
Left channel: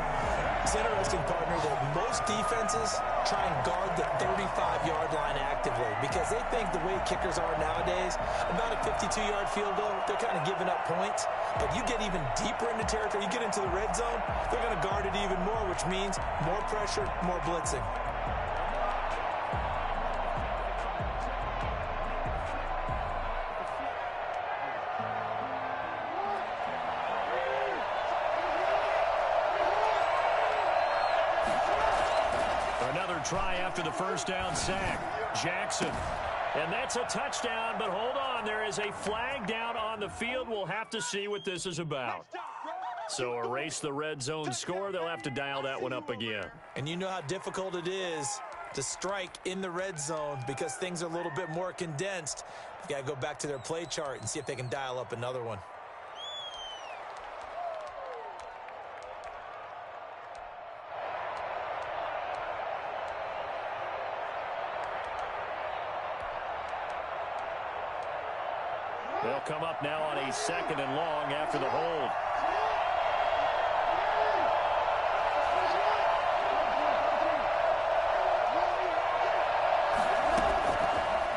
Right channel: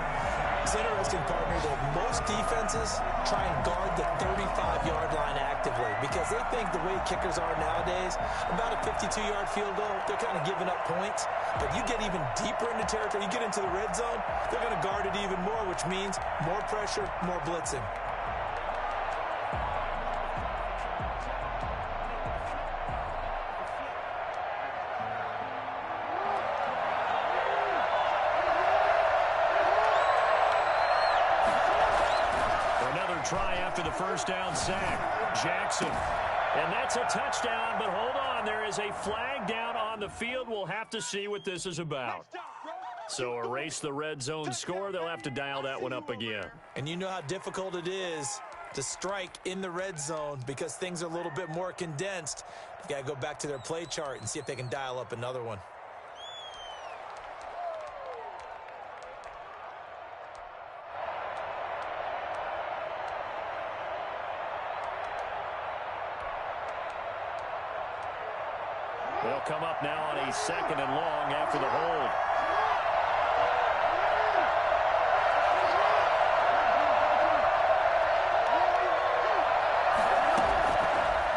It's interesting, partner, that most defenses try and guard the 35-yard line actively because they think the way kickers are nowadays, about a 52-yard field goal, they're kind of giving up points. But you get even deeper into territory, you get into the red zone, they're going to guard it even more, which means more pressure, more blitzing. Another try after the first down sack. Jackson. And that's a touchdown, but hold on. There is a flag down on the field. We'll have to see what this is about. So erase the red zone score. They'll have to dial that one up again. And you know how difficult it is to strike in the red zone because things are a little bit more condensed. They've got to go back to their play chart and see if they can dial up another one. They'll come up now on a 2nd and long after the hold.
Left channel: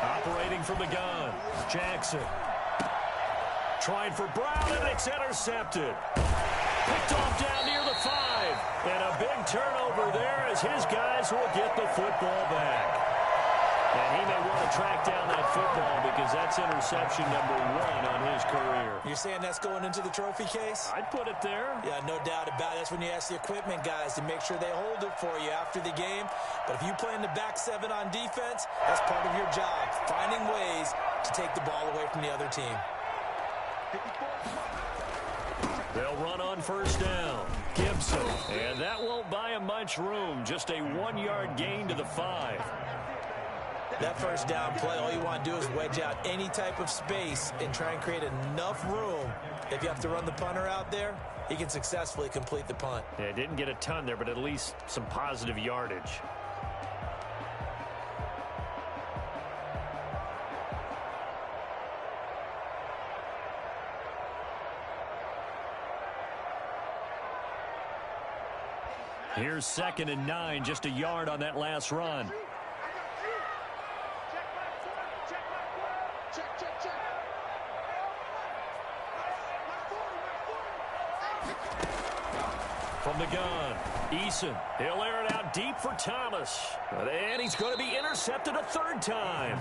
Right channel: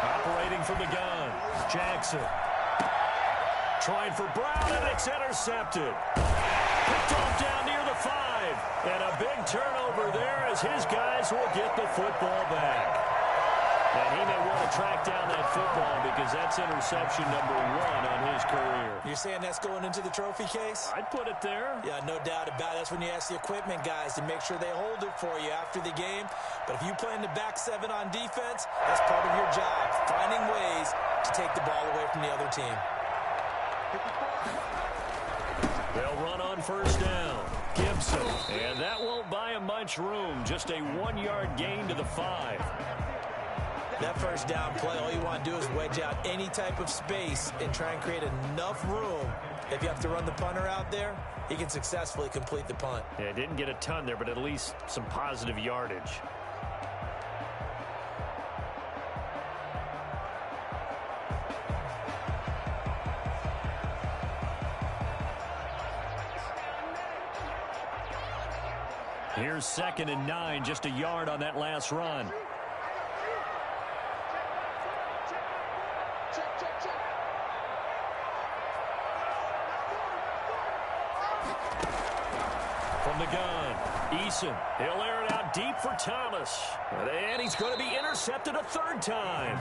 Operating from the gun, Jackson. Trying for Brown, and it's intercepted. Picked off down near the 5. And a big turnover there as his guys will get the football back. And he may want to track down that football because that's interception number 1 on his career. You're saying that's going into the trophy case? I'd put it there. Yeah, no doubt about it. That's when you ask the equipment guys to make sure they hold it for you after the game. But if you play in the back 7 on defense, that's part of your job, finding ways to take the ball away from the other team. They'll run on first down. Gibson. And that won't buy him much room. Just a 1-yard gain to the 5. That first down play, all you want to do is wedge out any type of space and try and create enough room. If you have to run the punter out there, he can successfully complete the punt. Yeah, didn't get a ton there, but at least some positive yardage. Here's 2nd and 9, just a yard on that last run. From the gun, Eason. He'll air it out deep for Thomas. And he's going to be intercepted a 3rd time.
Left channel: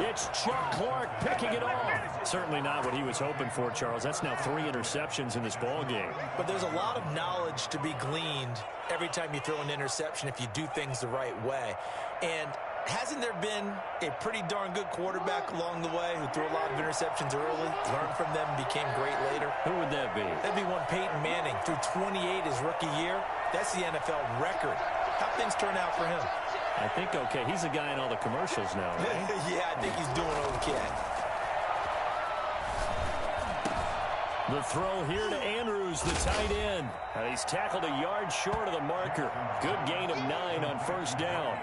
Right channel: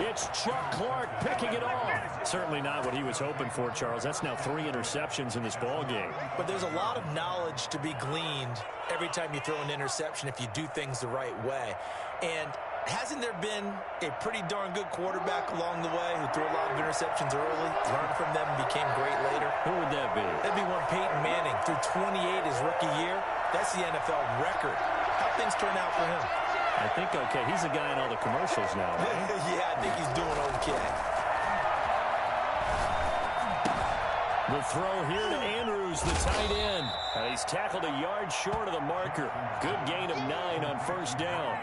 It's Chuck Clark picking it off. Certainly not what he was hoping for, Charles. That's now 3 interceptions in this ball game. But there's a lot of knowledge to be gleaned every time you throw an interception if you do things the right way. And hasn't there been a pretty darn good quarterback along the way who threw a lot of interceptions early, learned from them, and became great later? Who would that be? That'd be one Peyton Manning. Threw 28 his rookie year. That's the NFL record. How'd things turn out for him? I think okay. He's the guy in all the commercials now, right? Yeah, I think he's doing okay. The throw here to Andrews, the tight end. He's tackled a yard short of the marker. Good gain of 9 on first down.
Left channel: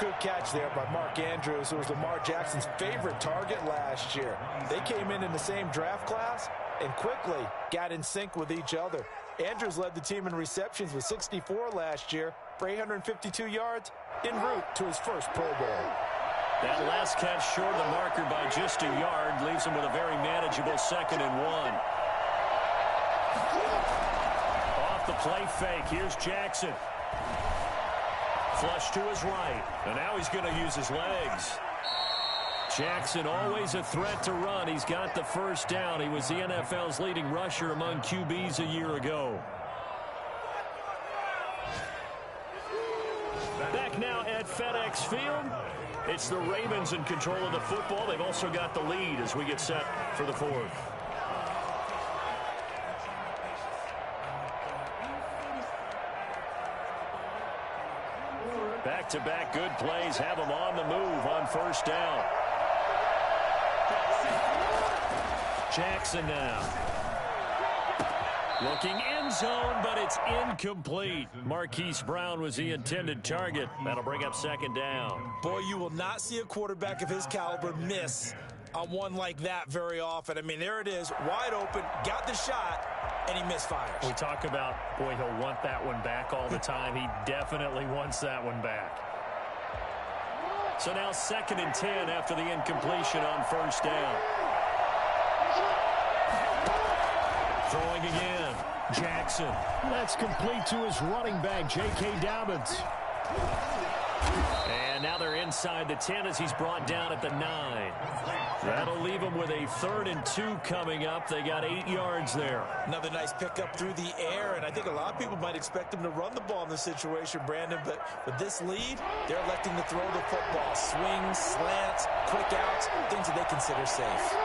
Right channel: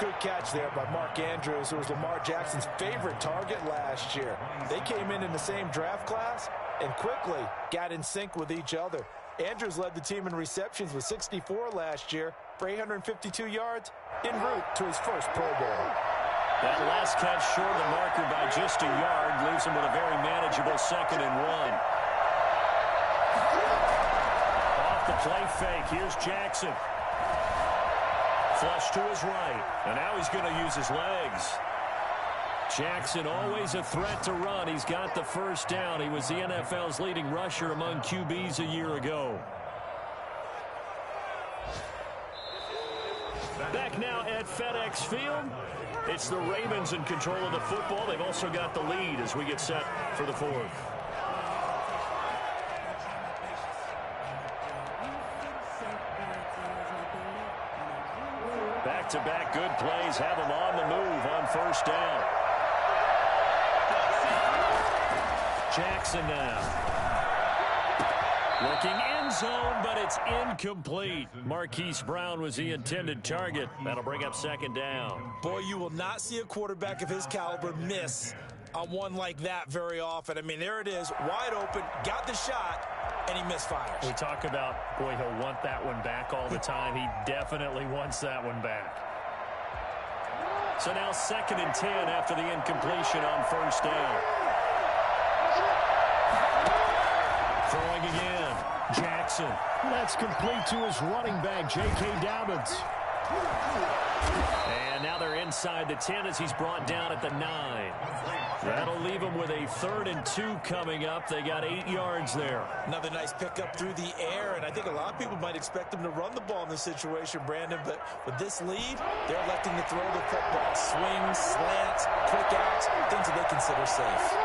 Good catch there by Mark Andrews, who was Lamar Jackson's favorite target last year. They came in the same draft class and quickly got in sync with each other. Andrews led the team in receptions with 64 last year for 852 yards en route to his first Pro Bowl. That last catch short of the marker by just a yard leaves him with a very manageable 2nd and 1. Off the play fake, here's Jackson. Flush to his right. And now he's going to use his legs. Jackson always a threat to run. He's got the first down. He was the NFL's leading rusher among QBs a year ago. Back now at FedEx Field. It's the Ravens in control of the football. They've also got the lead as we get set for the fourth. Back-to-back good plays have them on the move on first down. Jackson now. Looking end zone, but it's incomplete. Marquise Brown was the intended target. That'll bring up second down. Boy, you will not see a quarterback of his caliber miss on one like that very often. I mean, there it is, wide open, got the shot, and he misfires. We talk about, boy, he'll want that one back all the time. He definitely wants that one back. So now 2nd and 10 after the incompletion on first down. Throwing again. Jackson. That's complete to his running back, J.K. Dobbins. And now they're inside the 10 as he's brought down at the 9. That'll leave them with a 3rd and 2 coming up. They got 8 yards there. Another nice pickup through the air, and I think a lot of people might expect them to run the ball in this situation, Brandon, but with this lead, they're electing to throw the football. Swings, slants, quick outs, things that they consider safe.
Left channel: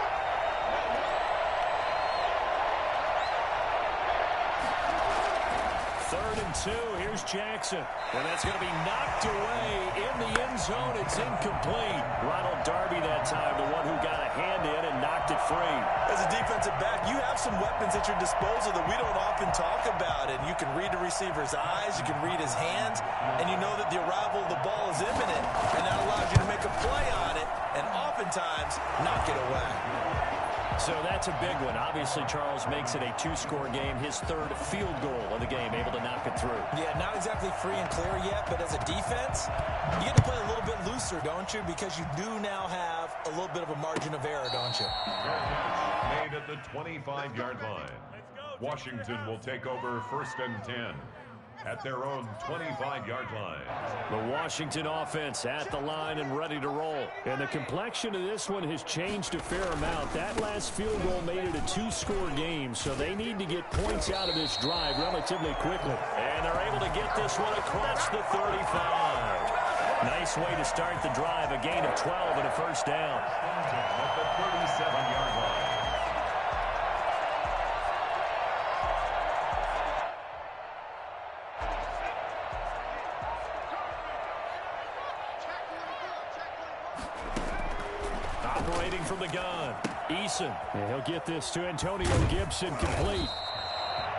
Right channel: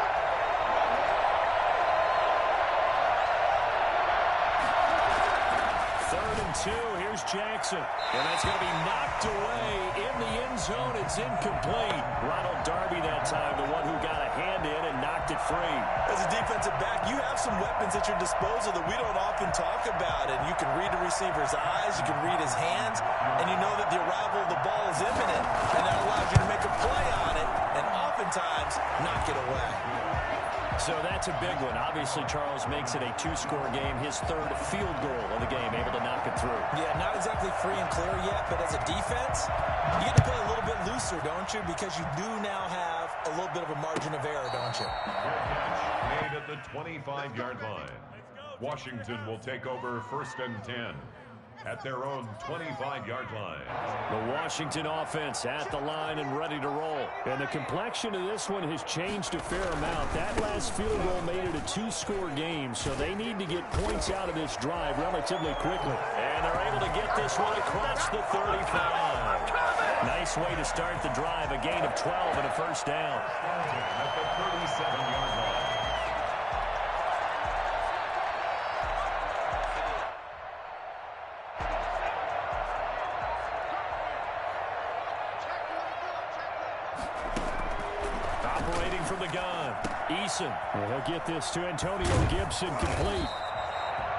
Here's Jackson. And that's going to be knocked away in the end zone. It's incomplete. Ronald Darby that time, the one who got a hand in and knocked it free. As a defensive back, you have some weapons at your disposal that we don't often talk about. And you can read the receiver's eyes, you can read his hands, and you know that the arrival of the ball is imminent. And that allows you to make a play on it and oftentimes knock it away. So that's a big one. Obviously, Charles makes it a 2-score game. His 3rd field goal of the game, able to knock it through. Yeah, not exactly free and clear yet, but as a defense, you get to play a little bit looser, don't you? Because you do now have a little bit of a margin of error, don't you? Fair catch made at the 25-yard line. Washington will take over 1st and 10 at their own 25-yard line. The Washington offense at the line and ready to roll. And the complexion of this one has changed a fair amount. That last field goal made it a 2-score game, so they need to get points out of this drive relatively quickly. And they're able to get this one across the 35. Nice way to start the drive, a gain of 12 and a first down. At the 37-yard line. Operating from the gun, Eason. And he'll get this to Antonio Gibson complete.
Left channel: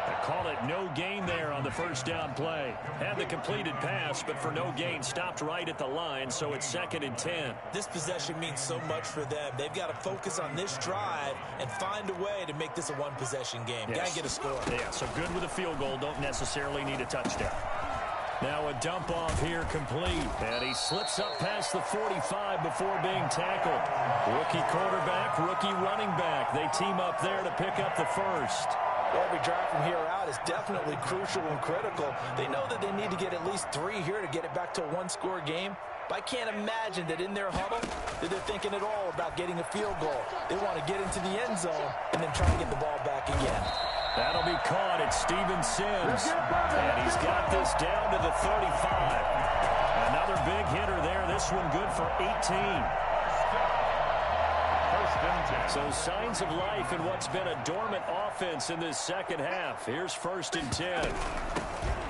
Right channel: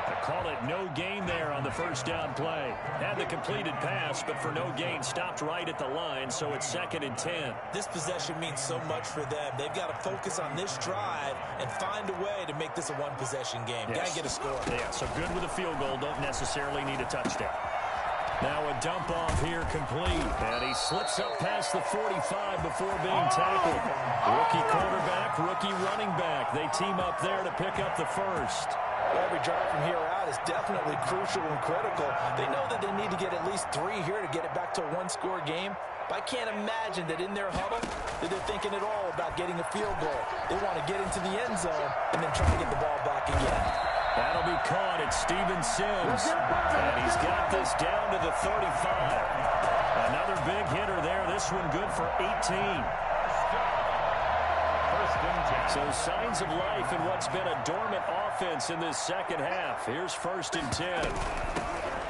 They call it no gain there on the first down play. Had the completed pass, but for no gain, stopped right at the line, so it's 2nd and 10. This possession means so much for them. They've got to focus on this drive and find a way to make this a one-possession game. Yes. Got to get a score. Yeah, so good with a field goal. Don't necessarily need a touchdown. Now a dump off here complete. And he slips up past the 45 before being tackled. Rookie quarterback, rookie running back. They team up there to pick up the first. Every drive from here out is definitely crucial and critical. They know that they need to get at least 3 here to get it back to a 1-score game. But I can't imagine that in their huddle that they're thinking at all about getting a field goal. They want to get into the end zone and then try to get the ball back again. That'll be caught at Steven Sims. And he's got this down to the 35. Another big hitter there. This one good for 18. First and 10. So signs of life in what's been a dormant offense in this second half. Here's 1st and 10.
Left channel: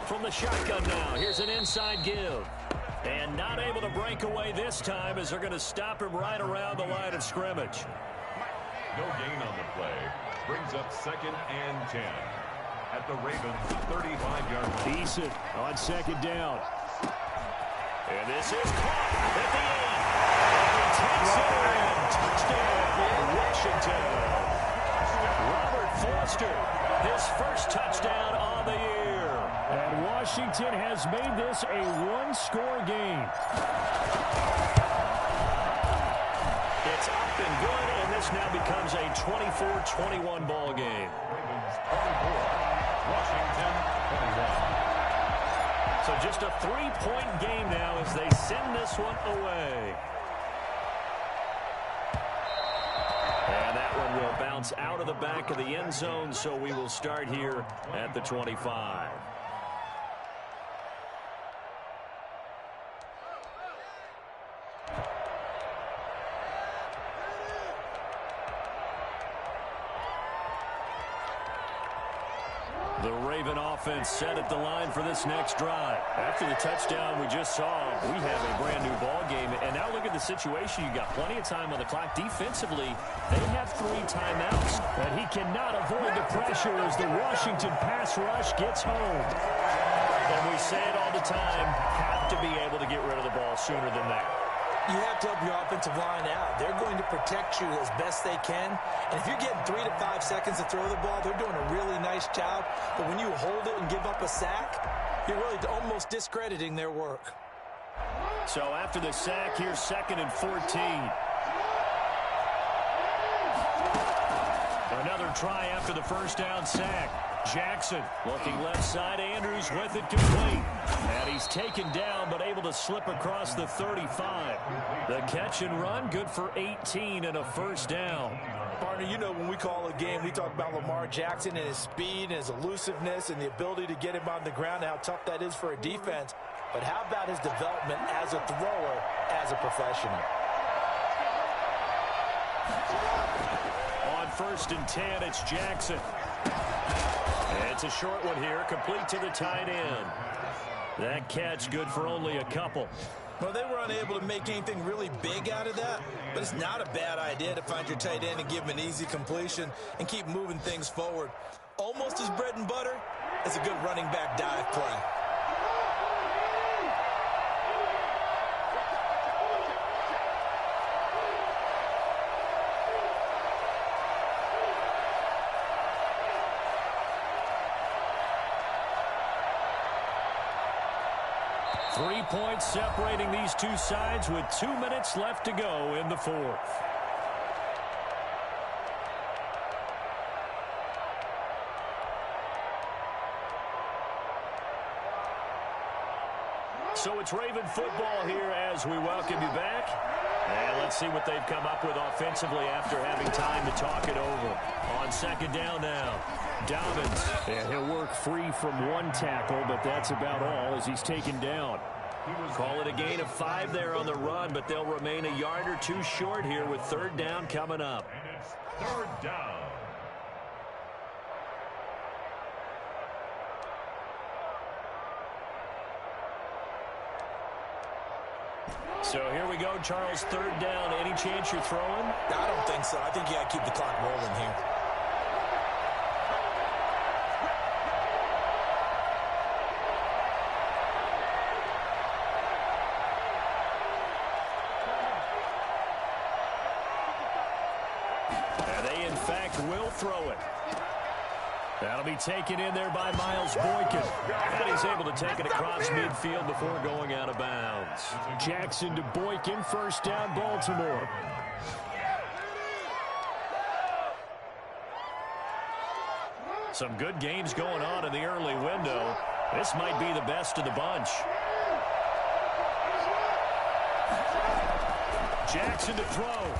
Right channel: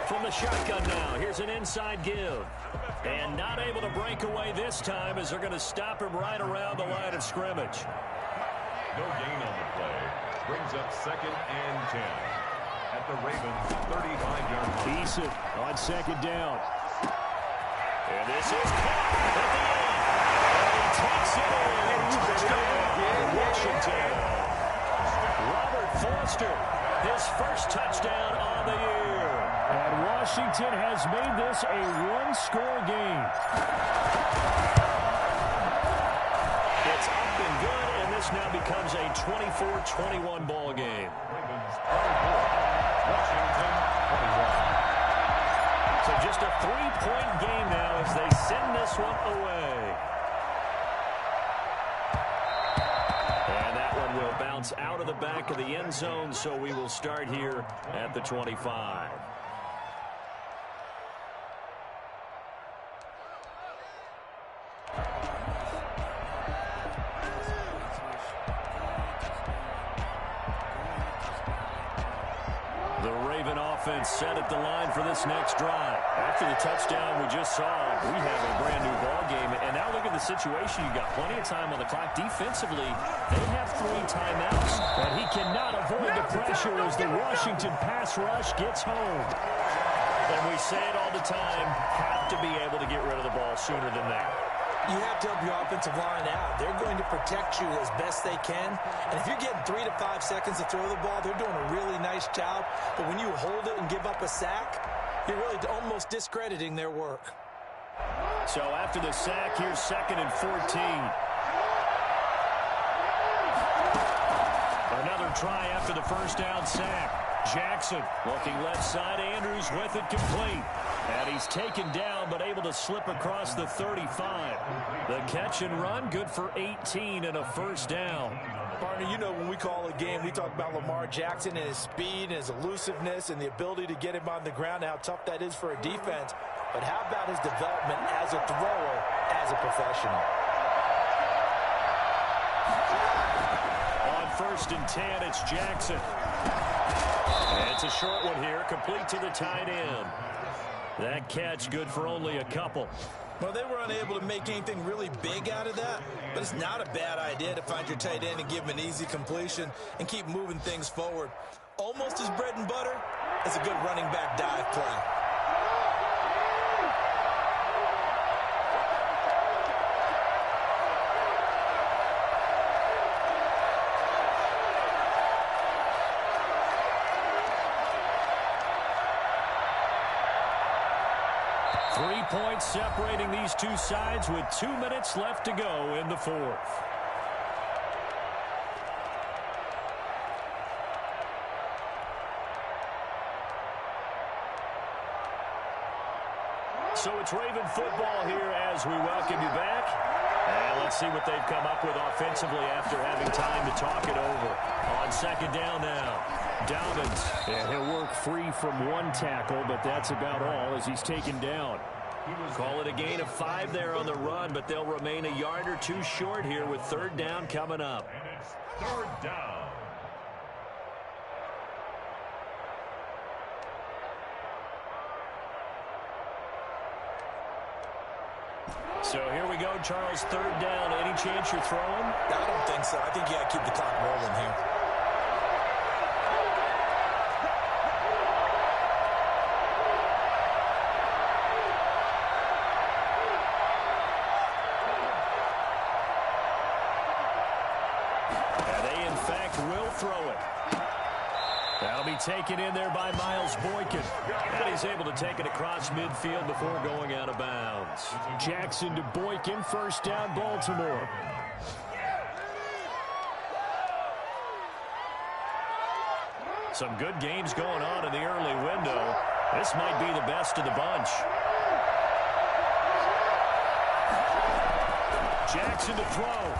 From the shotgun now. Here's an inside give. And not able to break away this time as they're going to stop him right around the line of scrimmage. No gain on the play. Brings up 2nd and 10 at the Ravens' 35-yard line. Eason on 2nd down. And this is caught at the 8. And he takes it in. Touchdown, Washington. Robert Foster, his first touchdown on the year. And Washington has made this a 1-score game. It's up and good, and this now becomes a 24-21 ball game. Ravens 24, Washington 21. So just a 3-point game now as they send this one away. And that one will bounce out of the back of the end zone, so we will start here at the 25. The Raven offense set at the line for this next drive. After the touchdown we just saw, we have a brand new ball game. And now look at the situation. You got plenty of time on the clock. Defensively, they have 3 timeouts. And he cannot avoid the pressure as the Washington pass rush gets home. And we say it all the time, have to be able to get rid of the ball sooner than that. You have to help your offensive line out. They're going to protect you as best they can. And if you're getting 3 to 5 seconds to throw the ball, they're doing a really nice job. But when you hold it and give up a sack, you're really almost discrediting their work. So after the sack, here's 2nd and 14. Another try after the first down sack. Jackson looking left side. Andrews with it complete. And he's taken down but able to slip across the 35. The catch and run good for 18 and a first down. Partner, you know when we call a game, we talk about Lamar Jackson and his speed and his elusiveness and the ability to get him on the ground and how tough that is for a defense. But how about his development as a thrower, as a professional? On 1st and 10, it's Jackson. It's a short one here, complete to the tight end. That catch good for only a couple. Well, they were unable to make anything really big out of that, but it's not a bad idea to find your tight end and give him an easy completion and keep moving things forward. Almost as bread and butter as a good running back dive play. 3 points separating these two sides with 2 minutes left to go in the 4th. So it's Raven football here as we welcome you back. And let's see what they've come up with offensively after having time to talk it over. On 2nd down now, Dobbins. And he'll work free from 1 tackle, but that's about all as he's taken down. Call it a gain of 5 there on the run, but they'll remain a yard or 2 short here with 3rd down coming up. And it's 3rd down. So here we go, Charles, 3rd down. Any chance you're throwing? I don't think so. I think you got to keep the clock rolling here. And they, in fact, will throw it. That'll be taken in there by Miles Boykin. And he's able to take it across midfield before going out of bounds. Jackson to Boykin, 1st down, Baltimore. Some good games going on in the early window. This might be the best of the bunch. Jackson to throw.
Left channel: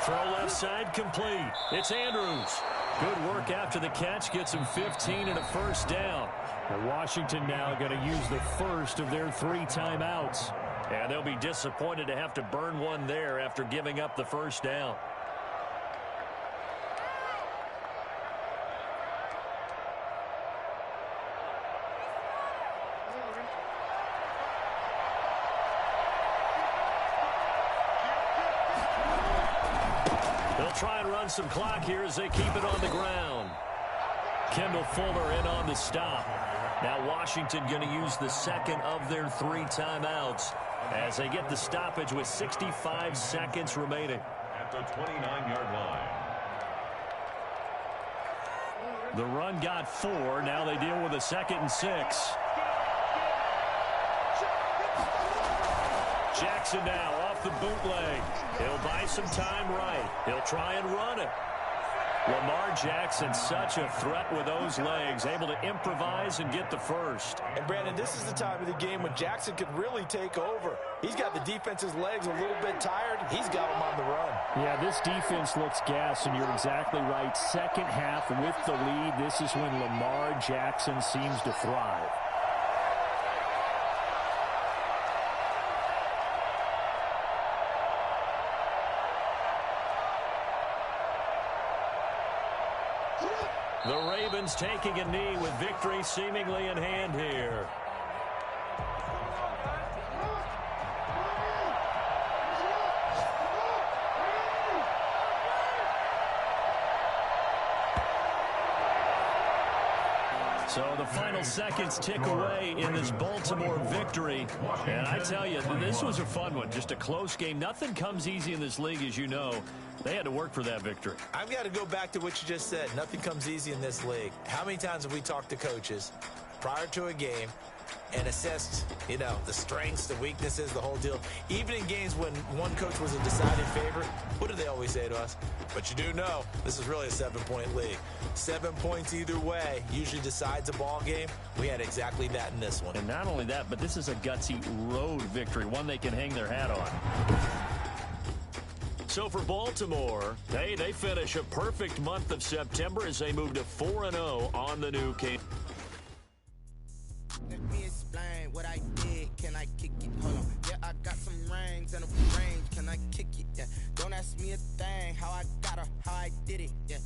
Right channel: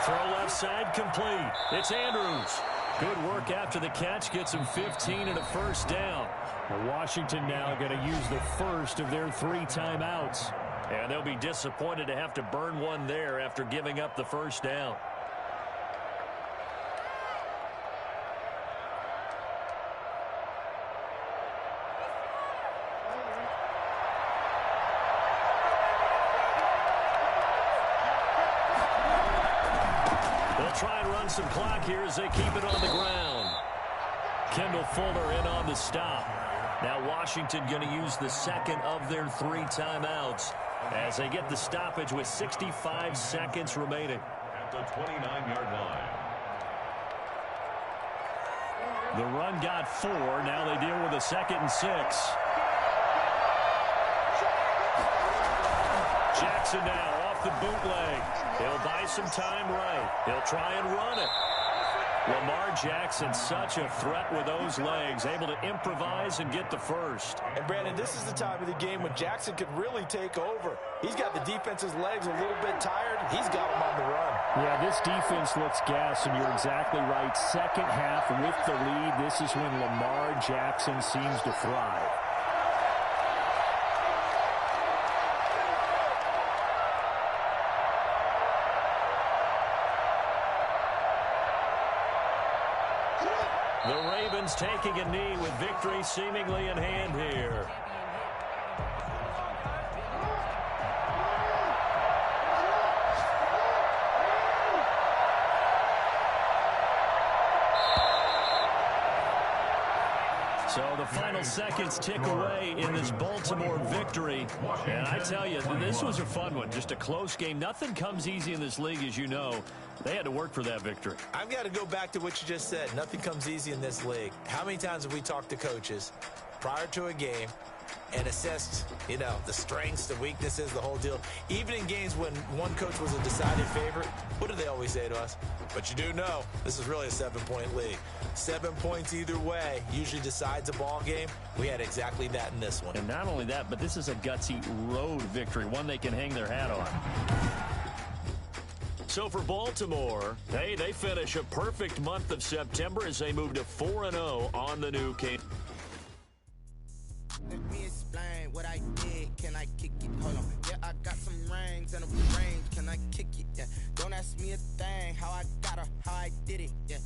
Throw left side complete. It's Andrews. Good work after the catch. Gets him 15 and a 1st down. And Washington now going to use the first of their 3 timeouts. And they'll be disappointed to have to burn one there after giving up the 1st down. They'll try and run some clock here as they keep it on the ground. Kendall Fuller in on the stop. Now Washington going to use the 2nd of their 3 timeouts as they get the stoppage with 65 seconds remaining. At the 29-yard line. The run got 4. Now they deal with a 2nd and 6. Jackson now off the bootleg. He'll buy some time right. He'll try and run it. Lamar Jackson, such a threat with those legs, able to improvise and get the first. And, Brandon, this is the time of the game when Jackson could really take over. He's got the defense's legs a little bit tired. He's got them on the run. Yeah, this defense looks gassed, and you're exactly right. Second half with the lead, this is when Lamar Jackson seems to thrive. The Ravens taking a knee with victory seemingly in hand here. So the final seconds tick away in this Baltimore victory. And I tell you, this was a fun one. Just a close game. Nothing comes easy in this league, as you know. They had to work for that victory. I've got to go back to what you just said. Nothing comes easy in this league. How many times have we talked to coaches prior to a game and assessed, you know, the strengths, the weaknesses, the whole deal? Even in games when one coach was a decided favorite, what do they always say to us? But you do know this is really a 7-point league. 7 points either way usually decides a ball game. We had exactly that in this one. And not only that, but this is a gutsy road victory, one they can hang their hat on. So for Baltimore, hey, they finish a perfect month of September as they move to 4-0 on the new game. Let me explain what I did. Can I kick it? Hold on. Yeah, I got some rings and a range. Can I kick it? Yeah. Don't ask me a thing. How I got her, how I did it. Yeah.